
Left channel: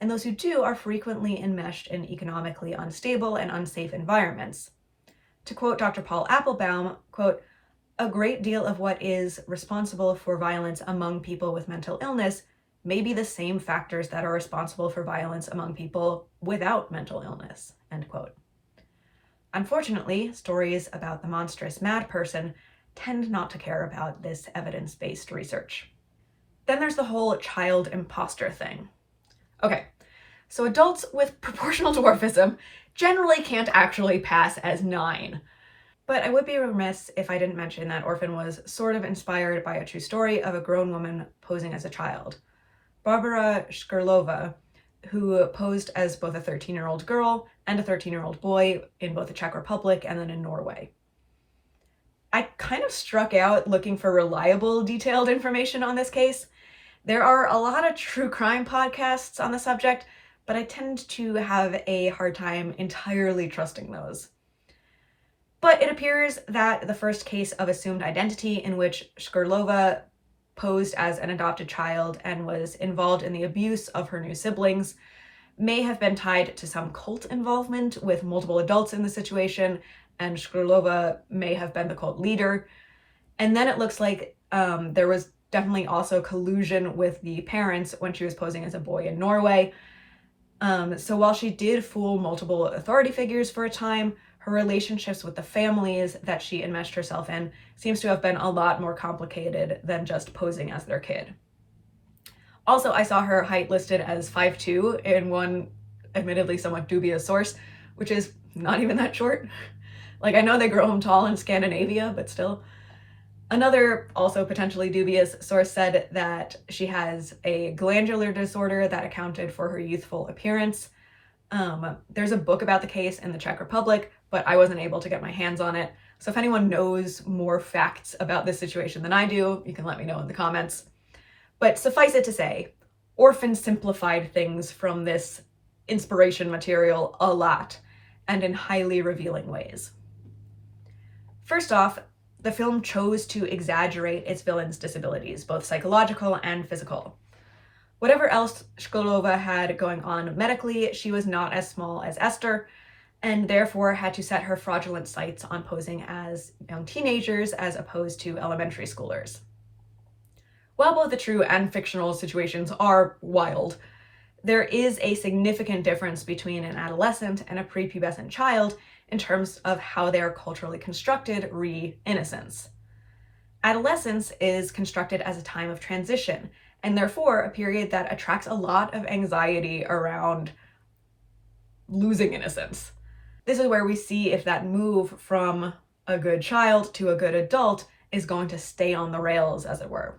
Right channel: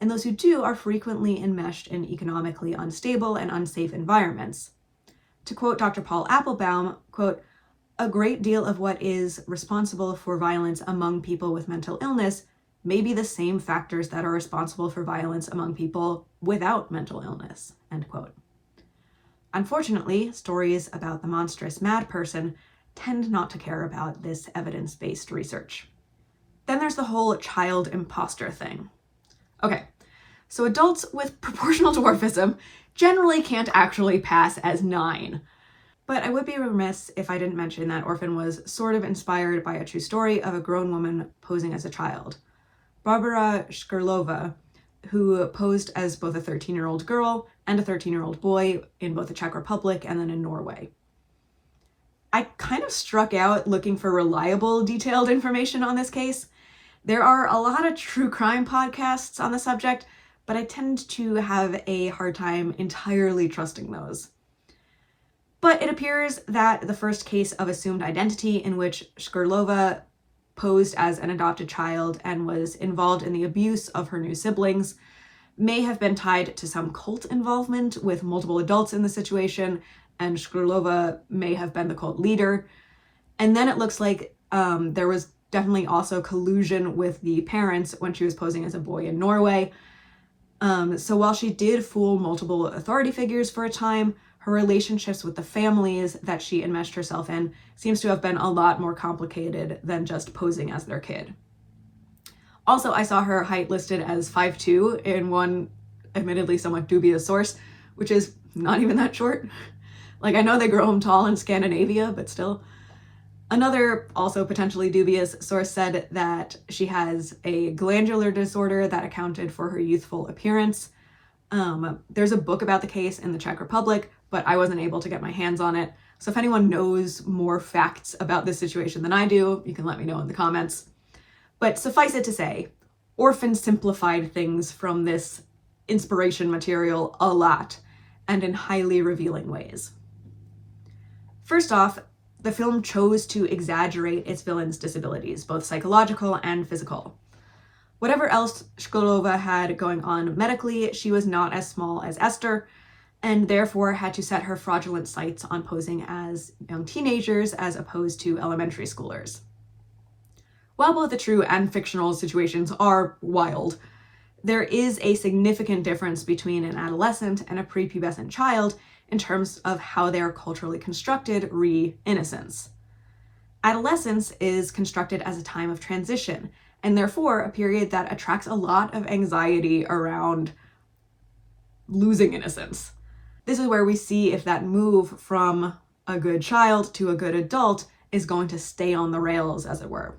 and those who do are frequently enmeshed in economically unstable and unsafe environments. To quote Dr. Paul Applebaum, quote, "A great deal of what is responsible for violence among people with mental illness may be the same factors that are responsible for violence among people without mental illness," end quote. Unfortunately, stories about the monstrous mad person tend not to care about this evidence-based research. Then there's the whole child imposter thing. Okay, so adults with proportional dwarfism generally can't actually pass as 9. But I would be remiss if I didn't mention that Orphan was sort of inspired by a true story of a grown woman posing as a child. Barbara Shkrlova, who posed as both a 13-year-old girl and a 13-year-old boy in both the Czech Republic and then in Norway. I kind of struck out looking for reliable, detailed information on this case. There are a lot of true crime podcasts on the subject, but I tend to have a hard time entirely trusting those. But it appears that the first case of assumed identity in which Shkrlova posed as an adopted child and was involved in the abuse of her new siblings may have been tied to some cult involvement with multiple adults in the situation, and Shkrlova may have been the cult leader. And then it looks like there was definitely also collusion with the parents when she was posing as a boy in Norway. So while she did fool multiple authority figures for a time, her relationships with the families that she enmeshed herself in seems to have been a lot more complicated than just posing as their kid. Also, I saw her height listed as 5'2" in one admittedly somewhat dubious source, which is not even that short. Like, I know they grow them tall in Scandinavia, but still. Another, also potentially dubious source said that she has a glandular disorder that accounted for her youthful appearance. There's a book about the case in the Czech Republic, but I wasn't able to get my hands on it. So if anyone knows more facts about this situation than I do, you can let me know in the comments. But suffice it to say, Orphan simplified things from this inspiration material a lot, and in highly revealing ways. First off, the film chose to exaggerate its villain's disabilities, both psychological and physical. Whatever else Shkrlova had going on medically, she was not as small as Esther, and therefore had to set her fraudulent sights on posing as young teenagers as opposed to elementary schoolers. While both the true and fictional situations are wild, there is a significant difference between an adolescent and a prepubescent child in terms of how they are culturally constructed re innocence. Adolescence is constructed as a time of transition, and therefore a period that attracts a lot of anxiety around losing innocence. This is where we see if that move from a good child to a good adult is going to stay on the rails, as it were.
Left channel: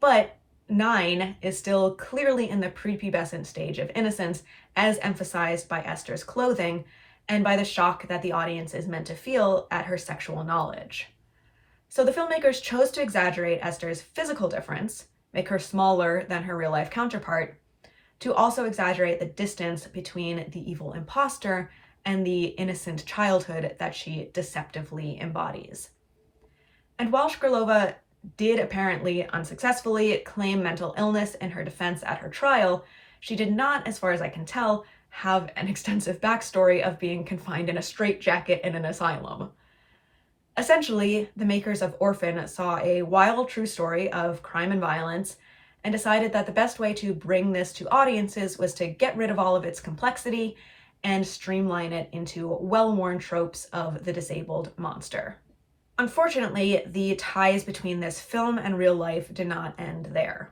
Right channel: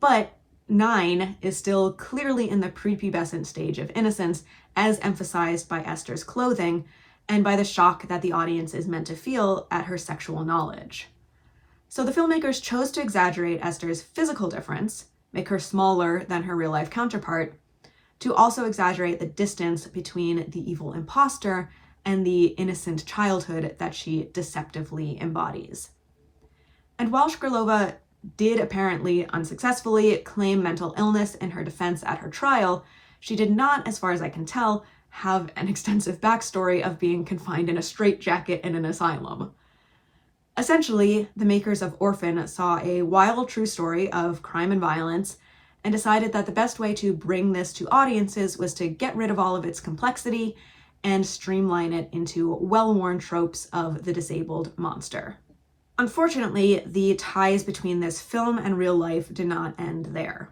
But 9 is still clearly in the prepubescent stage of innocence, as emphasized by Esther's clothing and by the shock that the audience is meant to feel at her sexual knowledge. So the filmmakers chose to exaggerate Esther's physical difference, make her smaller than her real-life counterpart, to also exaggerate the distance between the evil imposter and the innocent childhood that she deceptively embodies. And while Shkrlova did apparently unsuccessfully claim mental illness in her defense at her trial, she did not, as far as I can tell, have an extensive backstory of being confined in a straitjacket in an asylum. Essentially, the makers of Orphan saw a wild true story of crime and violence and decided that the best way to bring this to audiences was to get rid of all of its complexity and streamline it into well-worn tropes of the disabled monster. Unfortunately, the ties between this film and real life did not end there.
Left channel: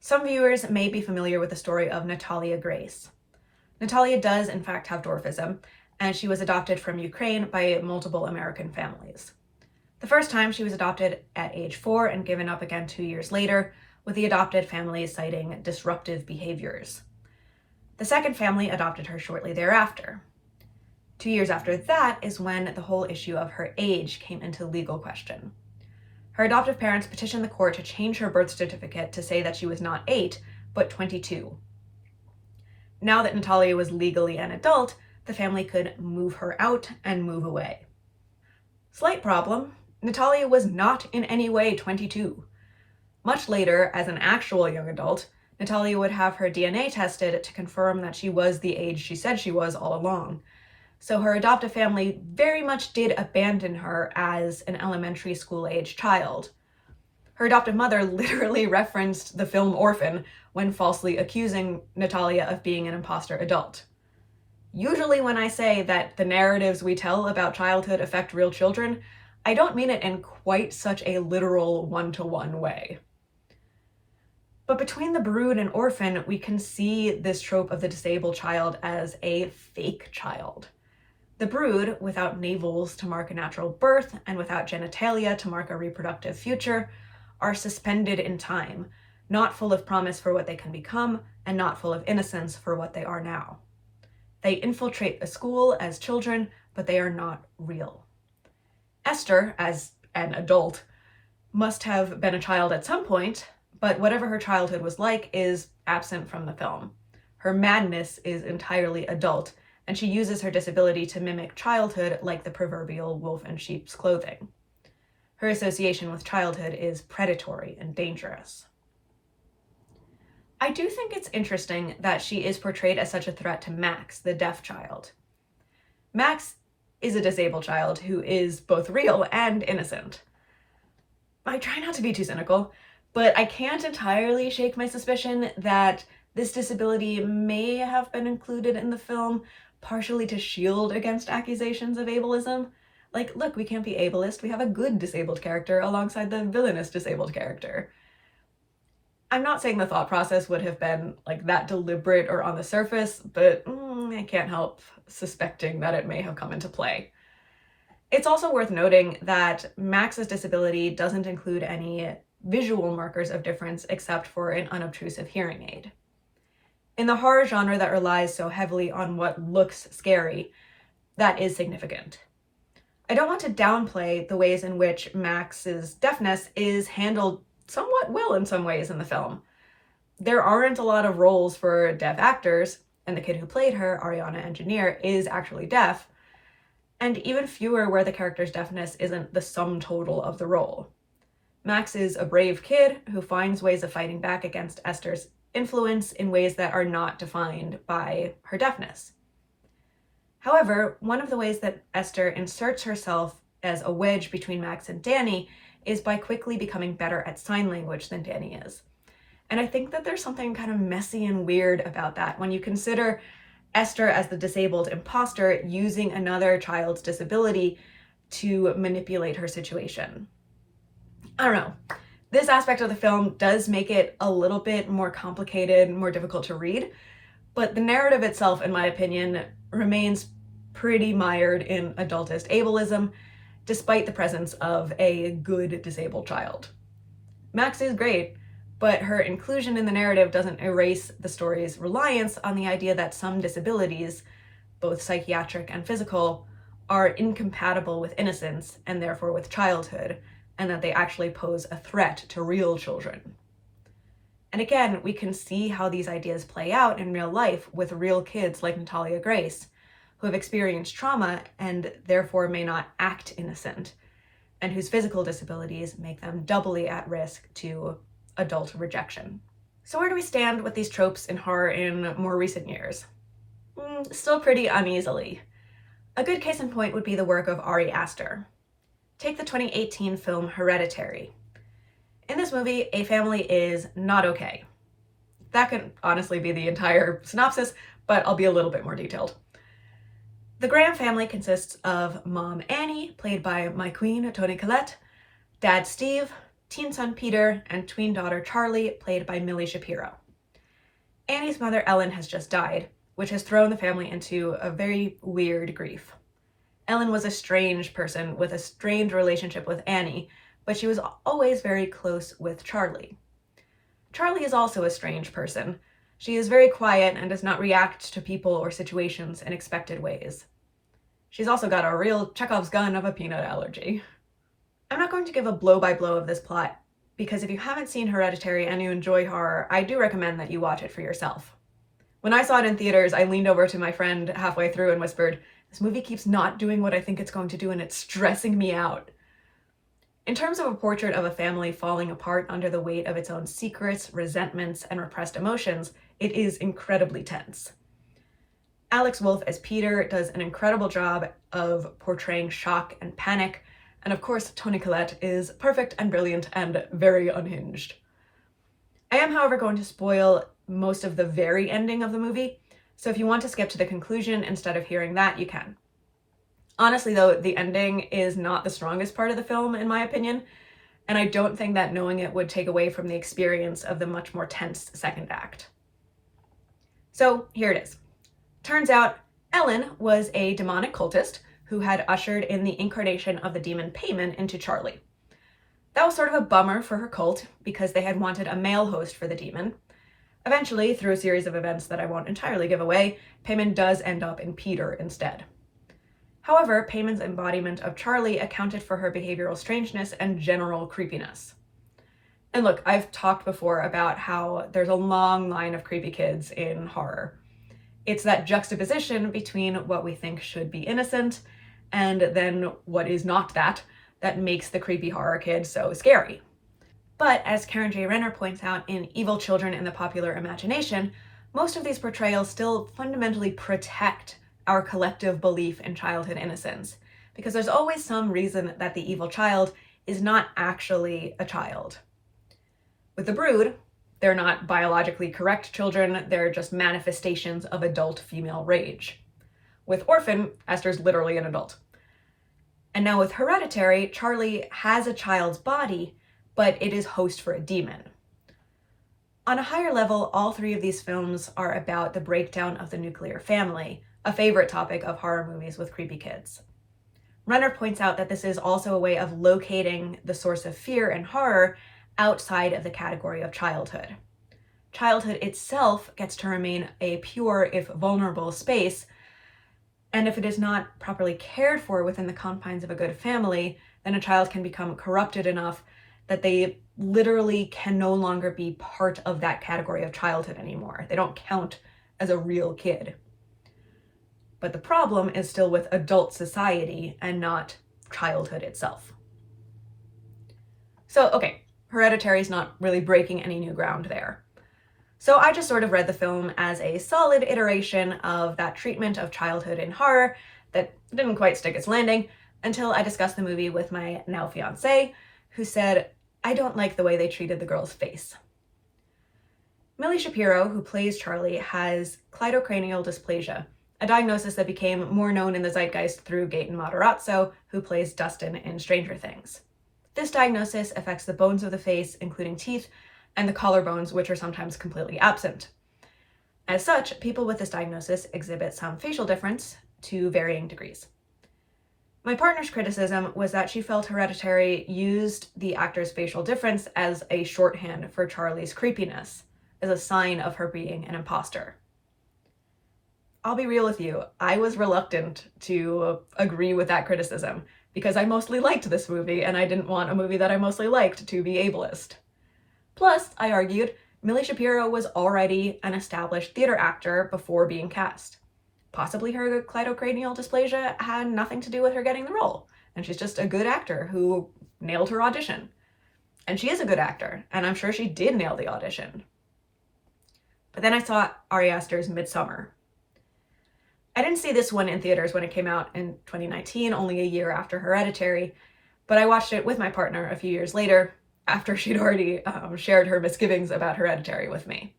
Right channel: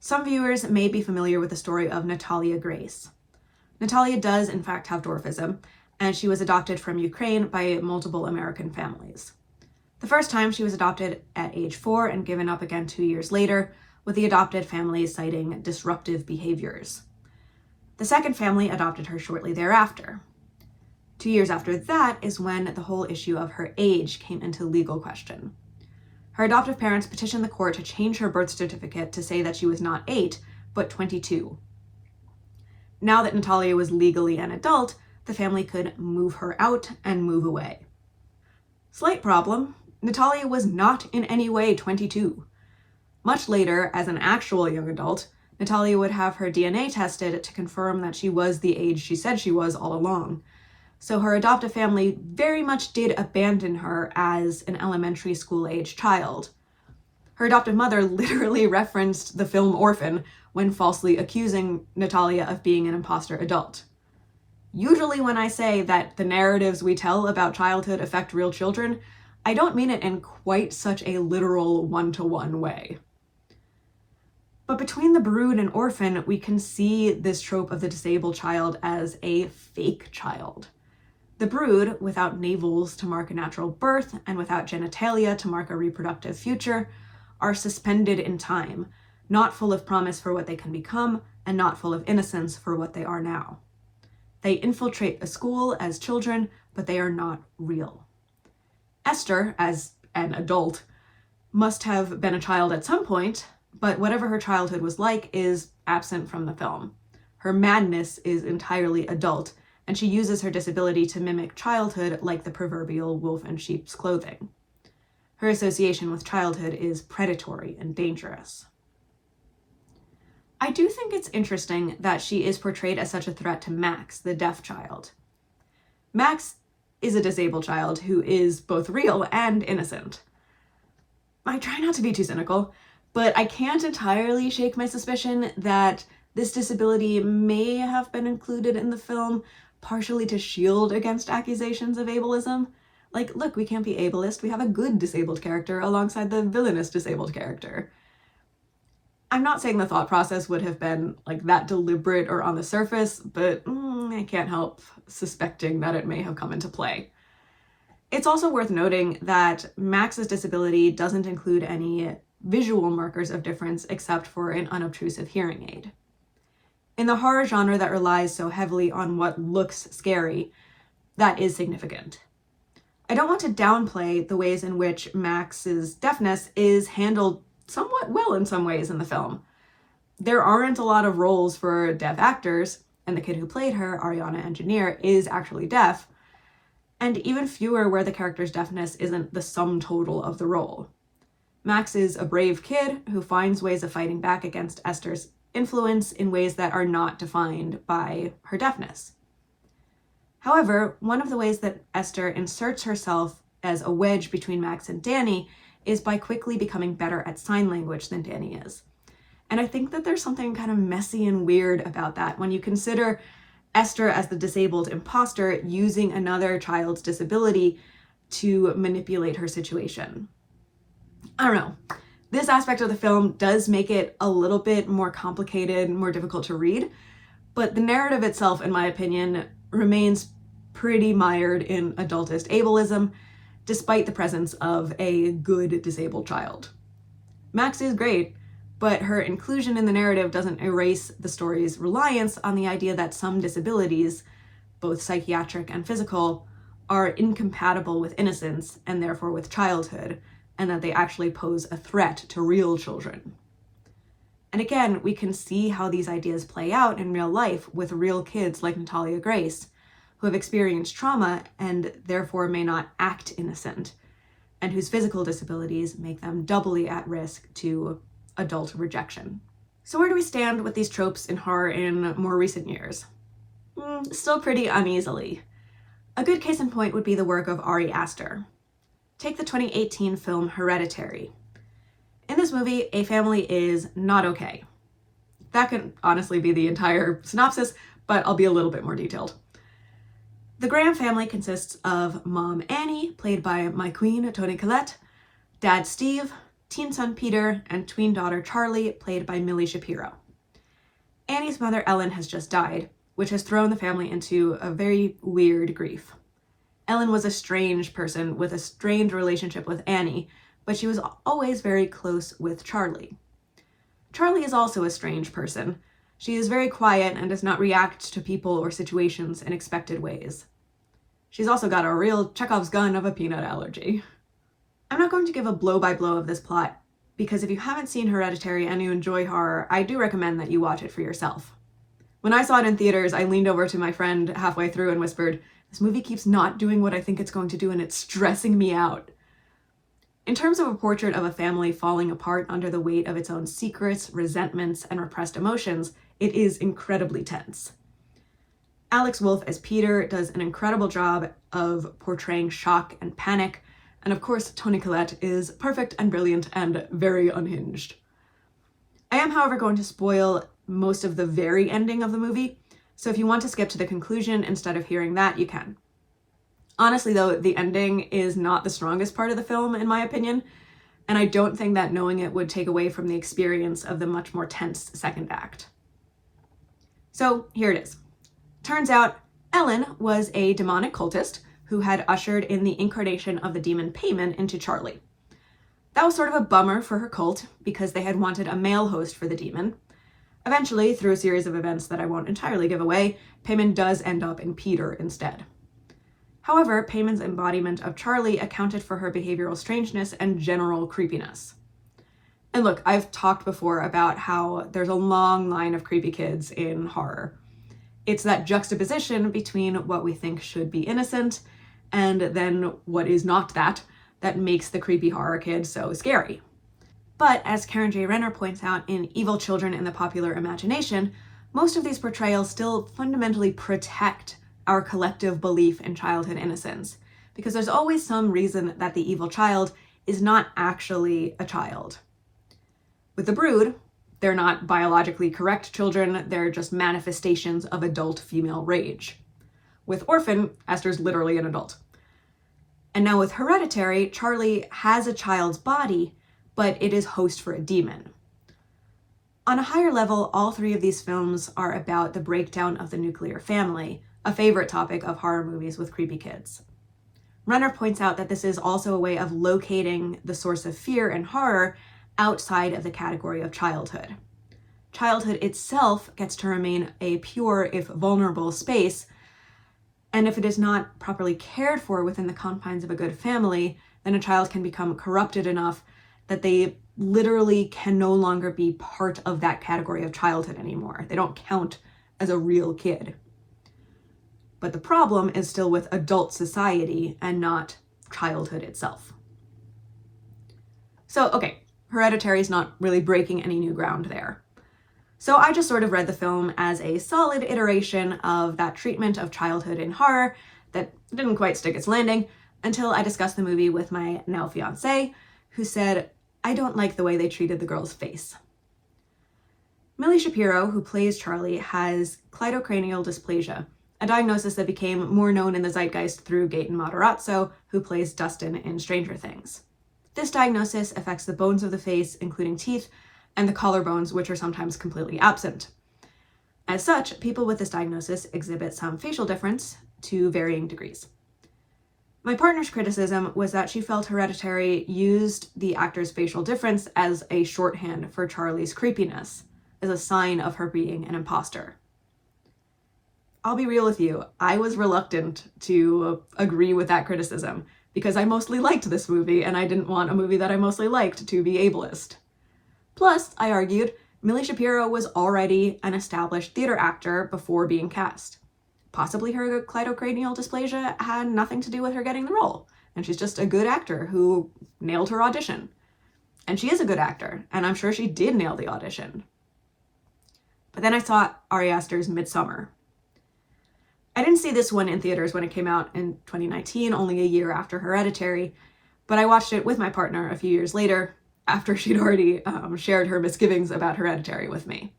Some viewers may be familiar with the story of Natalia Grace. Natalia does in fact have dwarfism, and she was adopted from Ukraine by multiple American families. The first time she was adopted at age 4 and given up again 2 years later, with the adopted family citing disruptive behaviors. The second family adopted her shortly thereafter. 2 years after that is when the whole issue of her age came into legal question. Her adoptive parents petitioned the court to change her birth certificate to say that she was not 8, but 22. Now that Natalia was legally an adult, the family could move her out and move away. Slight problem, Natalia was not in any way 22. Much later, as an actual young adult, Natalia would have her DNA tested to confirm that she was the age she said she was all along. So her adoptive family very much did abandon her as an elementary school-age child. Her adoptive mother literally referenced the film Orphan when falsely accusing Natalia of being an imposter adult. Usually when I say that the narratives we tell about childhood affect real children, I don't mean it in quite such a literal one-to-one way. But between the Brood and Orphan, we can see this trope of the disabled child as a fake child. The Brood, without navels to mark a natural birth and without genitalia to mark a reproductive future, are suspended in time, not full of promise for what they can become and not full of innocence for what they are now. They infiltrate a school as children, but they are not real. Esther, as an adult, must have been a child at some point, but whatever her childhood was like is absent from the film. Her madness is entirely adult, and she uses her disability to mimic childhood like the proverbial wolf in sheep's clothing. Her association with childhood is predatory and dangerous. I do think it's interesting that she is portrayed as such a threat to Max, the deaf child. Max is a disabled child who is both real and innocent. I try not to be too cynical, but I can't entirely shake my suspicion that this disability may have been included in the film partially to shield against accusations of ableism. Like, look, we can't be ableist, we have a good disabled character alongside the villainous disabled character. I'm not saying the thought process would have been like that deliberate or on the surface, but I can't help suspecting that it may have come into play. It's also worth noting that Max's disability doesn't include any visual markers of difference except for an unobtrusive hearing aid. In the horror genre that relies so heavily on what looks scary, that is significant. I don't want to downplay the ways in which Max's deafness is handled somewhat well in some ways in the film. There aren't a lot of roles for deaf actors, and the kid who played her, Ariana Engineer, is actually deaf, and even fewer where the character's deafness isn't the sum total of the role. Max is a brave kid who finds ways of fighting back against Esther's influence in ways that are not defined by her deafness. However, one of the ways that Esther inserts herself as a wedge between Max and Danny is by quickly becoming better at sign language than Danny is. And I think that there's something kind of messy and weird about that when you consider Esther as the disabled imposter using another child's disability to manipulate her situation. I don't know. This aspect of the film does make it a little bit more complicated, more difficult to read, but the narrative itself, in my opinion, remains pretty mired in adultist ableism, despite the presence of a good disabled child. Max is great, but her inclusion in the narrative doesn't erase the story's reliance on the idea that some disabilities, both psychiatric and physical, are incompatible with innocence and therefore with childhood, and that they actually pose a threat to real children. And again, we can see how these ideas play out in real life with real kids like Natalia Grace, who have experienced trauma and therefore may not act innocent, and whose physical disabilities make them doubly at risk to adult rejection. So where do we stand with these tropes in horror in more recent years? Still pretty uneasily. A good case in point would be the work of Ari Aster. Take the 2018 film Hereditary. In this movie, a family is not okay. That could honestly be the entire synopsis, but I'll be a little bit more detailed. The Graham family consists of mom Annie, played by my queen, Toni Collette, dad Steve, teen son Peter, and tween daughter Charlie, played by Millie Shapiro. Annie's mother Ellen has just died, which has thrown the family into a very weird grief. Ellen was a strange person with a strained relationship with Annie, but she was always very close with Charlie. Charlie is also a strange person. She is very quiet and does not react to people or situations in expected ways. She's also got a real Chekhov's gun of a peanut allergy. I'm not going to give a blow-by-blow of this plot, because if you haven't seen Hereditary and you enjoy horror, I do recommend that you watch it for yourself. When I saw it in theaters, I leaned over to my friend halfway through and whispered, "This movie keeps not doing what I think it's going to do, and it's stressing me out." In terms of a portrait of a family falling apart under the weight of its own secrets, resentments, and repressed emotions, it is incredibly tense. Alex Wolff as Peter does an incredible job of portraying shock and panic, and of course Toni Collette is perfect and brilliant and very unhinged. I am, however, going to spoil most of the very ending of the movie, so if you want to skip to the conclusion instead of hearing that, you can. Honestly though, the ending is not the strongest part of the film, in my opinion, and I don't think that knowing it would take away from the experience of the much more tense second act. So here it is. Turns out Ellen was a demonic cultist who had ushered in the incarnation of the demon Payman into Charlie. That was sort of a bummer for her cult because they had wanted a male host for the demon. Eventually, through a series of events that I won't entirely give away, Payman does end up in Peter instead. However, Payman's embodiment of Charlie accounted for her behavioral strangeness and general creepiness. And look, I've talked before about how there's a long line of creepy kids in horror. It's that juxtaposition between what we think should be innocent and then what is not that makes the creepy horror kid so scary. But as Karen J. Renner points out in Evil Children in the Popular Imagination, most of these portrayals still fundamentally protect our collective belief in childhood innocence, because there's always some reason that the evil child is not actually a child. With the Brood, they're not biologically correct children, they're just manifestations of adult female rage. With Orphan, Esther's literally an adult. And now with Hereditary, Charlie has a child's body, but it is host for a demon. On a higher level, all three of these films are about the breakdown of the nuclear family, a favorite topic of horror movies with creepy kids. Renner points out that this is also a way of locating the source of fear and horror outside of the category of childhood. Childhood itself gets to remain a pure, if vulnerable, space, and if it is not properly cared for within the confines of a good family, then a child can become corrupted enough that they literally can no longer be part of that category of childhood anymore. They don't count as a real kid. But the problem is still with adult society and not childhood itself. So, okay, Hereditary is not really breaking any new ground there. So I just sort of read the film as a solid iteration of that treatment of childhood in horror that didn't quite stick its landing until I discussed the movie with my now fiancé, who said, "I don't like the way they treated the girl's face." Millie Shapiro, who plays Charlie, has cleidocranial dysplasia, a diagnosis that became more known in the zeitgeist through Gaten Matarazzo, who plays Dustin in Stranger Things. This diagnosis affects the bones of the face, including teeth, and the collarbones, which are sometimes completely absent. As such, people with this diagnosis exhibit some facial difference to varying degrees. My partner's criticism was that she felt Hereditary used the actor's facial difference as a shorthand for Charlie's creepiness, as a sign of her being an imposter. I'll be real with you, I was reluctant to agree with that criticism, because I mostly liked this movie, and I didn't want a movie that I mostly liked to be ableist. Plus, I argued, Millie Shapiro was already an established theater actor before being cast. Possibly her cleidocranial dysplasia had nothing to do with her getting the role, and she's just a good actor who nailed her audition. And she is a good actor, and I'm sure she did nail the audition. But then I saw Ari Aster's Midsummer. I didn't see this one in theaters when it came out in 2019, only a year after Hereditary, but I watched it with my partner a few years later, after she'd already shared her misgivings about Hereditary with me.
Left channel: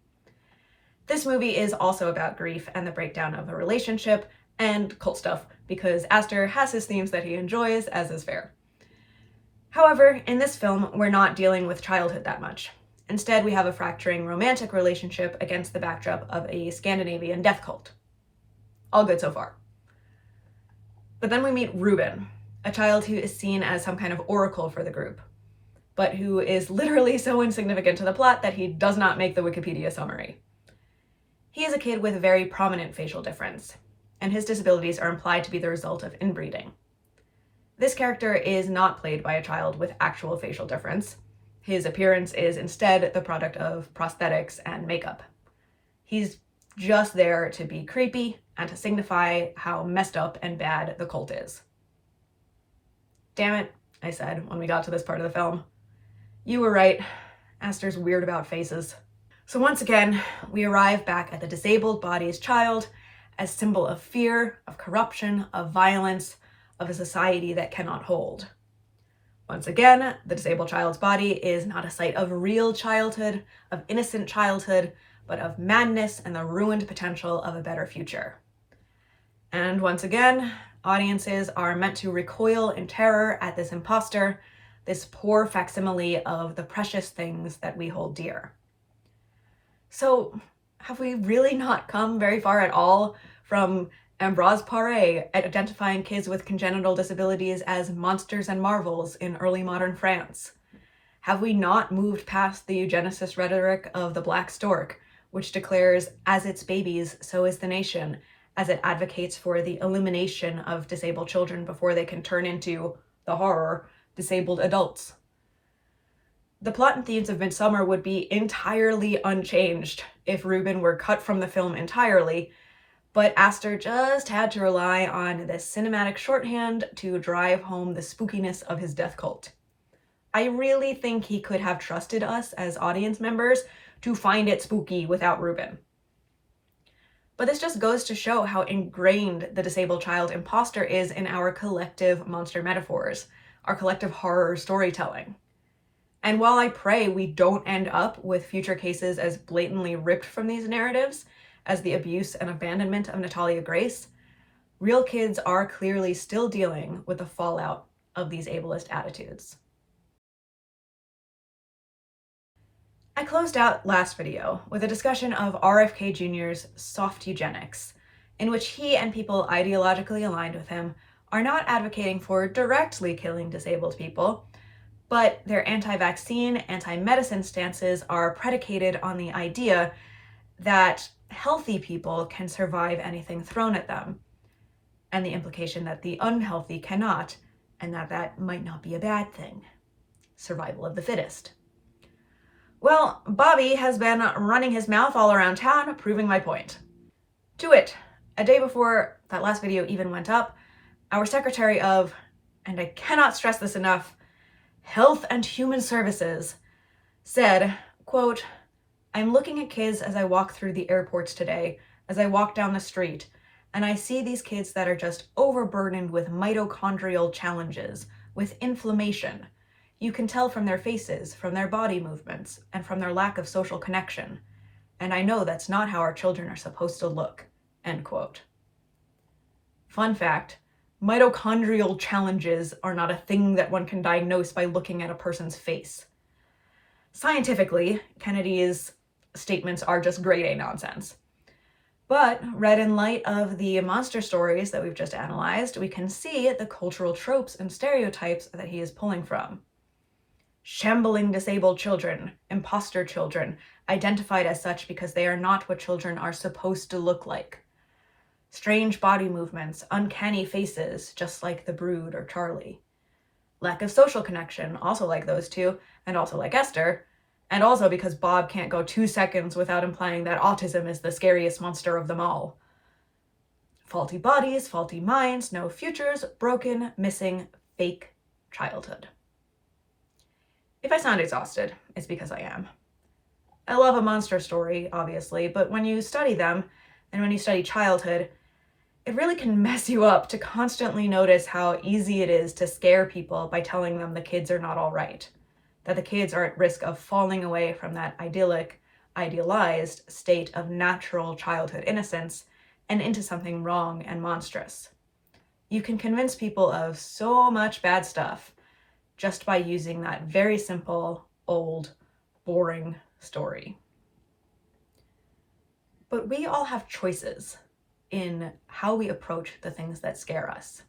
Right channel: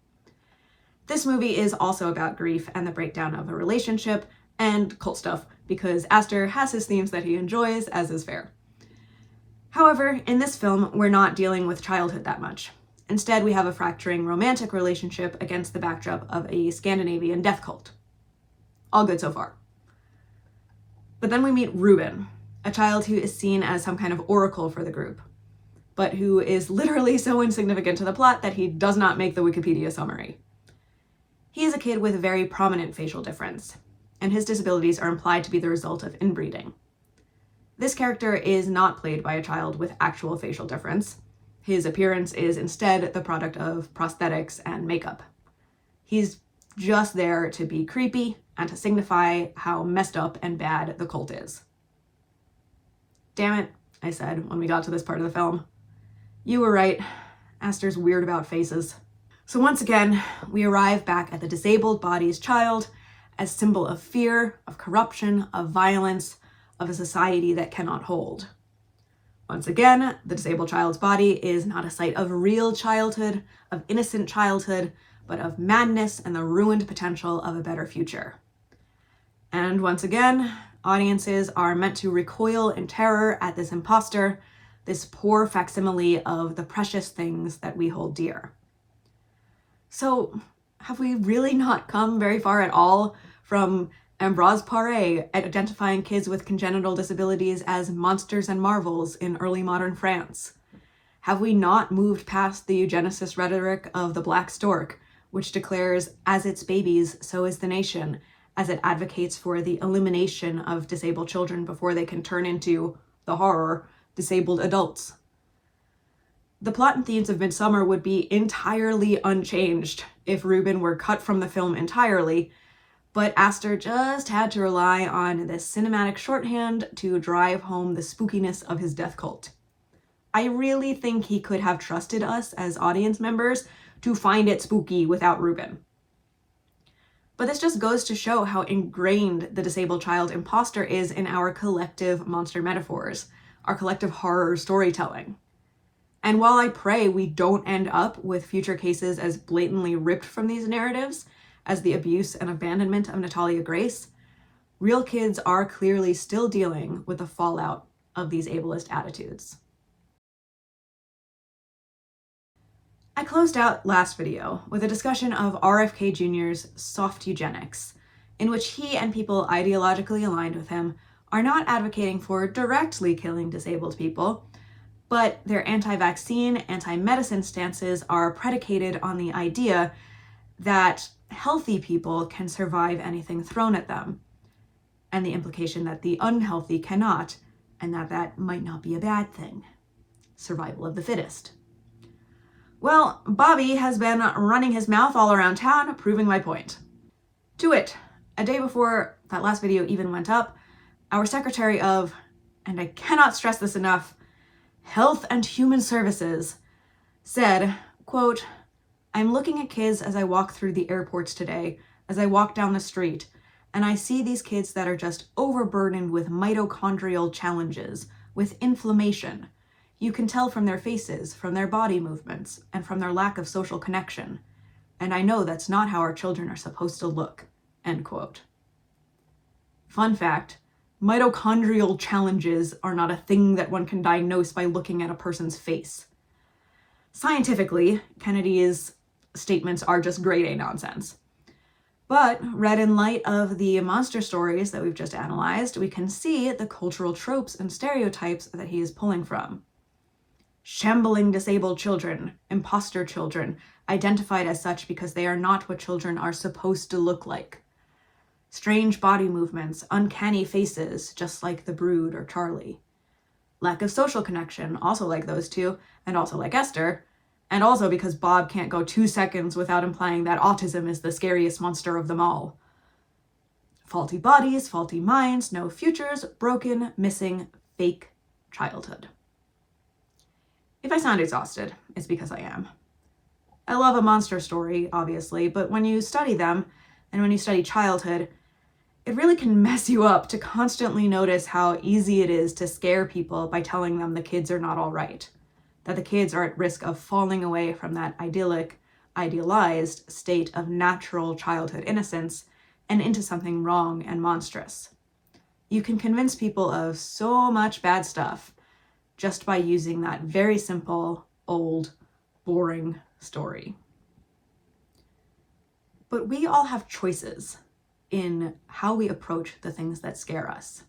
This movie is also about grief and the breakdown of a relationship and cult stuff, because Aster has his themes that he enjoys, as is fair. However, in this film, we're not dealing with childhood that much. Instead, we have a fracturing romantic relationship against the backdrop of a Scandinavian death cult. All good so far. But then we meet Ruben, a child who is seen as some kind of oracle for the group, but who is literally so insignificant to the plot that he does not make the Wikipedia summary. He is a kid with a very prominent facial difference, and his disabilities are implied to be the result of inbreeding. This character is not played by a child with actual facial difference. His appearance is instead the product of prosthetics and makeup. He's just there to be creepy and to signify how messed up and bad the cult is. "Damn it," I said when we got to this part of the film. "You were right. Aster's weird about faces." So once again, we arrive back at the disabled body's child as symbol of fear, of corruption, of violence, of a society that cannot hold. Once again, the disabled child's body is not a site of real childhood, of innocent childhood, but of madness and the ruined potential of a better future. And once again, audiences are meant to recoil in terror at this imposter, this poor facsimile of the precious things that we hold dear. So, have we really not come very far at all from Ambroise Paré identifying kids with congenital disabilities as monsters and marvels in early modern France? Have we not moved past the eugenicist rhetoric of the Black Stork, which declares, as its babies, so is the nation, as it advocates for the elimination of disabled children before they can turn into, the horror, disabled adults? The plot and themes of Midsummer would be entirely unchanged if Reuben were cut from the film entirely, but Aster just had to rely on this cinematic shorthand to drive home the spookiness of his death cult. I really think he could have trusted us as audience members to find it spooky without Reuben. But this just goes to show how ingrained the disabled child imposter is in our collective monster metaphors, our collective horror storytelling. And while I pray we don't end up with future cases as blatantly ripped from these narratives as the abuse and abandonment of Natalia Grace, real kids are clearly still dealing with the fallout of these ableist attitudes. I closed out last video with a discussion of RFK Jr.'s soft eugenics, in which he and people ideologically aligned with him are not advocating for directly killing disabled people, but their anti-vaccine, anti-medicine stances are predicated on the idea that healthy people can survive anything thrown at them, and the implication that the unhealthy cannot, and that might not be a bad thing. Survival of the fittest. Well, Bobby has been running his mouth all around town, proving my point. To wit, a day before that last video even went up, our Secretary of, and I cannot stress this enough, Health and Human Services said, quote, "I'm looking at kids as I walk through the airports today, as I walk down the street, and I see these kids that are just overburdened with mitochondrial challenges, with inflammation. You can tell from their faces, from their body movements, and from their lack of social connection. And I know that's not how our children are supposed to look." End quote. Fun fact, mitochondrial challenges are not a thing that one can diagnose by looking at a person's face. Scientifically, Kennedy's statements are just grade A nonsense. But read in light of the monster stories that we've just analyzed, we can see the cultural tropes and stereotypes that he is pulling from. Shambling disabled children, imposter children, identified as such because they are not what children are supposed to look like. Strange body movements, uncanny faces, just like the Brood or Charlie. Lack of social connection, also like those two, and also like Esther, and also because Bob can't go 2 seconds without implying that autism is the scariest monster of them all. Faulty bodies, faulty minds, no futures, broken, missing, fake childhood. If I sound exhausted, it's because I am. I love a monster story, obviously, but when you study them, and when you study childhood, it really can mess you up to constantly notice how easy it is to scare people by telling them the kids are not all right, that the kids are at risk of falling away from that idyllic, idealized state of natural childhood innocence and into something wrong and monstrous. You can convince people of so much bad stuff just by using that very simple, old, boring story. But we all have choices in how we approach the things that scare us.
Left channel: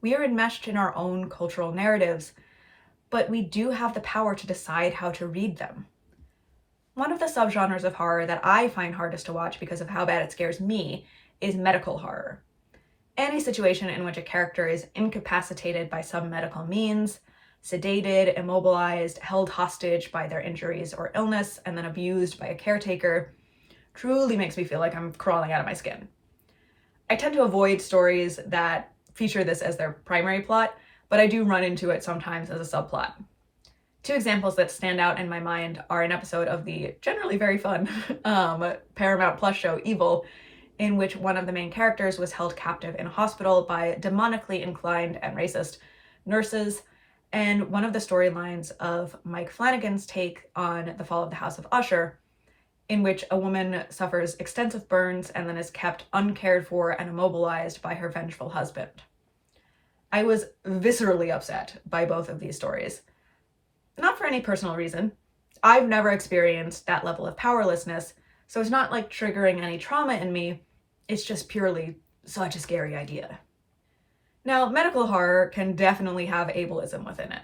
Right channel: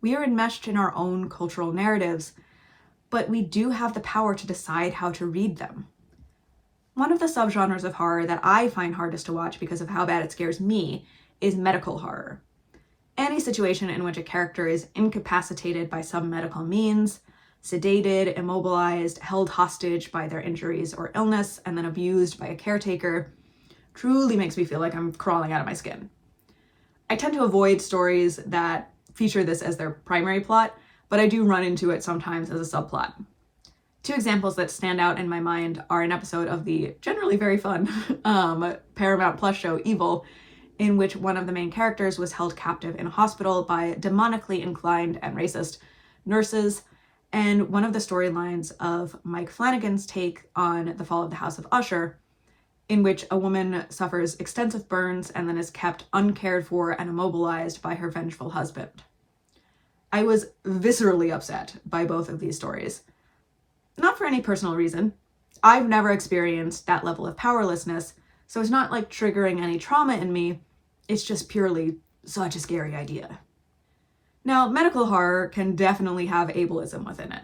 We are enmeshed in our own cultural narratives, but we do have the power to decide how to read them. One of the subgenres of horror that I find hardest to watch because of how bad it scares me is medical horror. Any situation in which a character is incapacitated by some medical means, sedated, immobilized, held hostage by their injuries or illness, and then abused by a caretaker, truly makes me feel like I'm crawling out of my skin. I tend to avoid stories that feature this as their primary plot, but I do run into it sometimes as a subplot. 2 examples that stand out in my mind are an episode of the generally very fun Paramount Plus show Evil, in which one of the main characters was held captive in a hospital by demonically inclined and racist nurses, and one of the storylines of Mike Flanagan's take on The Fall of the House of Usher, in which a woman suffers extensive burns and then is kept uncared for and immobilized by her vengeful husband. I was viscerally upset by both of these stories. Not for any personal reason. I've never experienced that level of powerlessness, so it's not like triggering any trauma in me. It's just purely such a scary idea. Now, medical horror can definitely have ableism within it.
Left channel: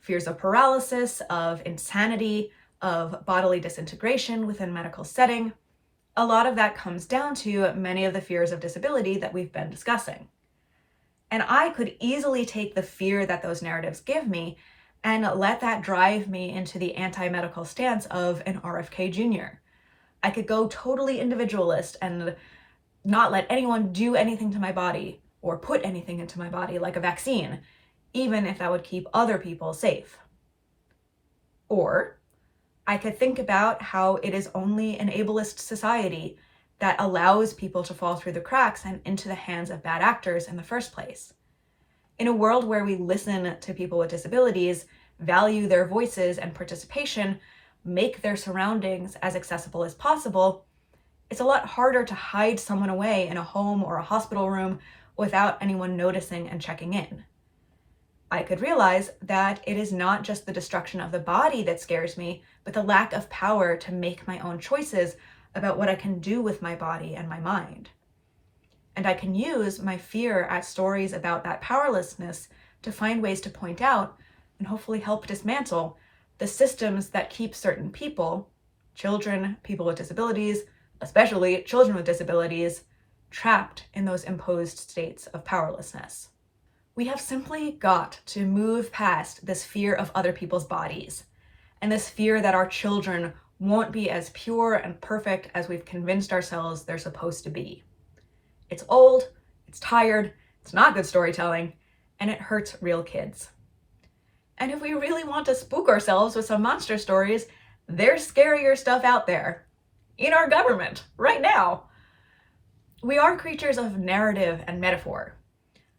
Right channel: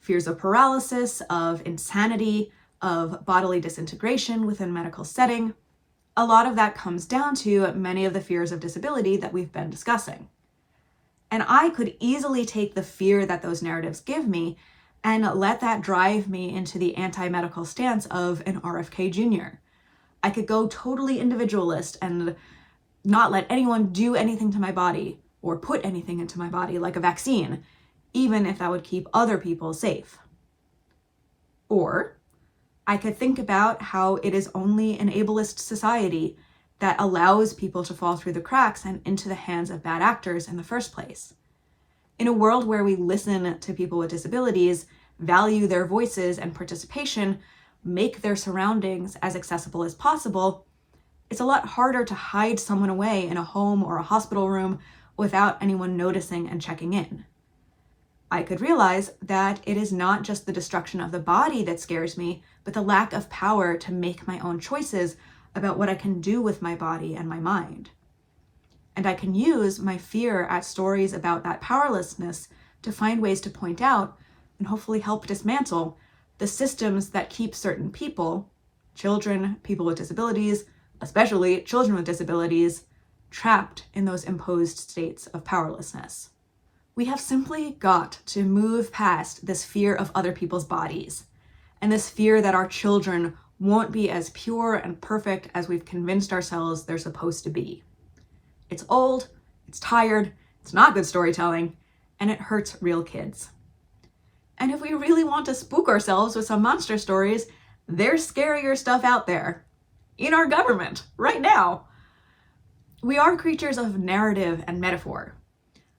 Fears of paralysis, of insanity, of bodily disintegration within medical setting. A lot of that comes down to many of the fears of disability that we've been discussing. And I could easily take the fear that those narratives give me and let that drive me into the anti-medical stance of an RFK Jr. I could go totally individualist and not let anyone do anything to my body or put anything into my body like a vaccine, even if that would keep other people safe. Or I could think about how it is only an ableist society that allows people to fall through the cracks and into the hands of bad actors in the first place. In a world where we listen to people with disabilities, value their voices and participation, make their surroundings as accessible as possible, it's a lot harder to hide someone away in a home or a hospital room without anyone noticing and checking in. I could realize that it is not just the destruction of the body that scares me, but the lack of power to make my own choices about what I can do with my body and my mind. And I can use my fear at stories about that powerlessness to find ways to point out and hopefully help dismantle the systems that keep certain people, children, people with disabilities, especially children with disabilities, trapped in those imposed states of powerlessness. We have simply got to move past this fear of other people's bodies and this fear that our children won't be as pure and perfect as we've convinced ourselves they're supposed to be. It's old, it's tired, it's not good storytelling, and it hurts real kids. And if we really want to spook ourselves with some monster stories, there's scarier stuff out there. In our government, right now. We are creatures of narrative and metaphor.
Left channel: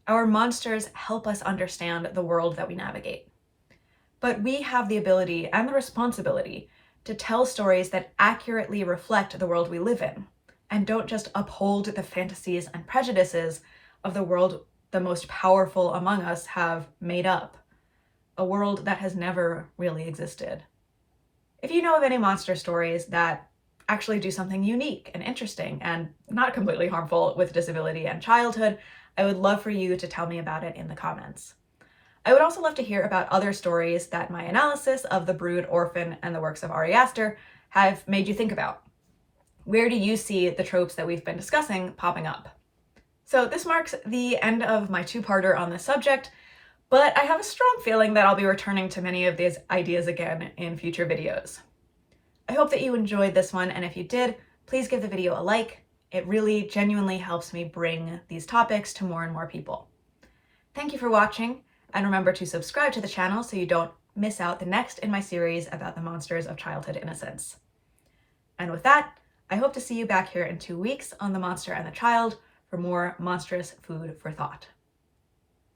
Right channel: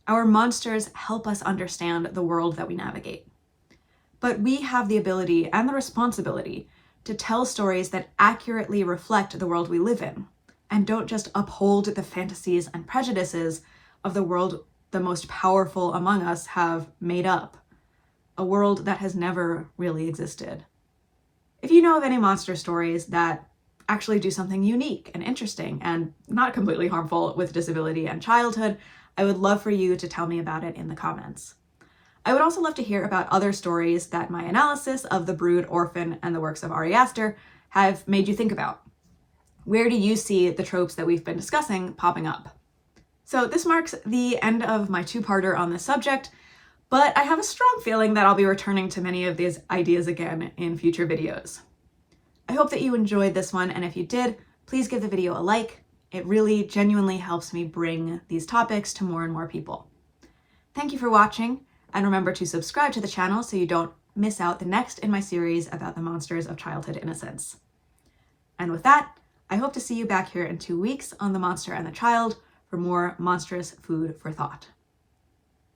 Our monsters help us understand the world that we navigate. But we have the ability and the responsibility to tell stories that accurately reflect the world we live in, and don't just uphold the fantasies and prejudices of the world the most powerful among us have made up, a world that has never really existed. If you know of any monster stories that actually do something unique and interesting and not completely harmful with disability and childhood, I would love for you to tell me about it in the comments. I would also love to hear about other stories that my analysis of the Brood, Orphan, and the works of Ari Aster have made you think about. Where do you see the tropes that we've been discussing popping up? So this marks the end of my two-parter on this subject, but I have a strong feeling that I'll be returning to many of these ideas again in future videos. I hope that you enjoyed this one, and if you did, please give the video a like. It really genuinely helps me bring these topics to more and more people. Thank you for watching, and remember to subscribe to the channel so you don't miss out the next in my series about the monsters of childhood innocence. And with that, I hope to see you back here in 2 weeks on The Monster and the Child for more monstrous food for thought.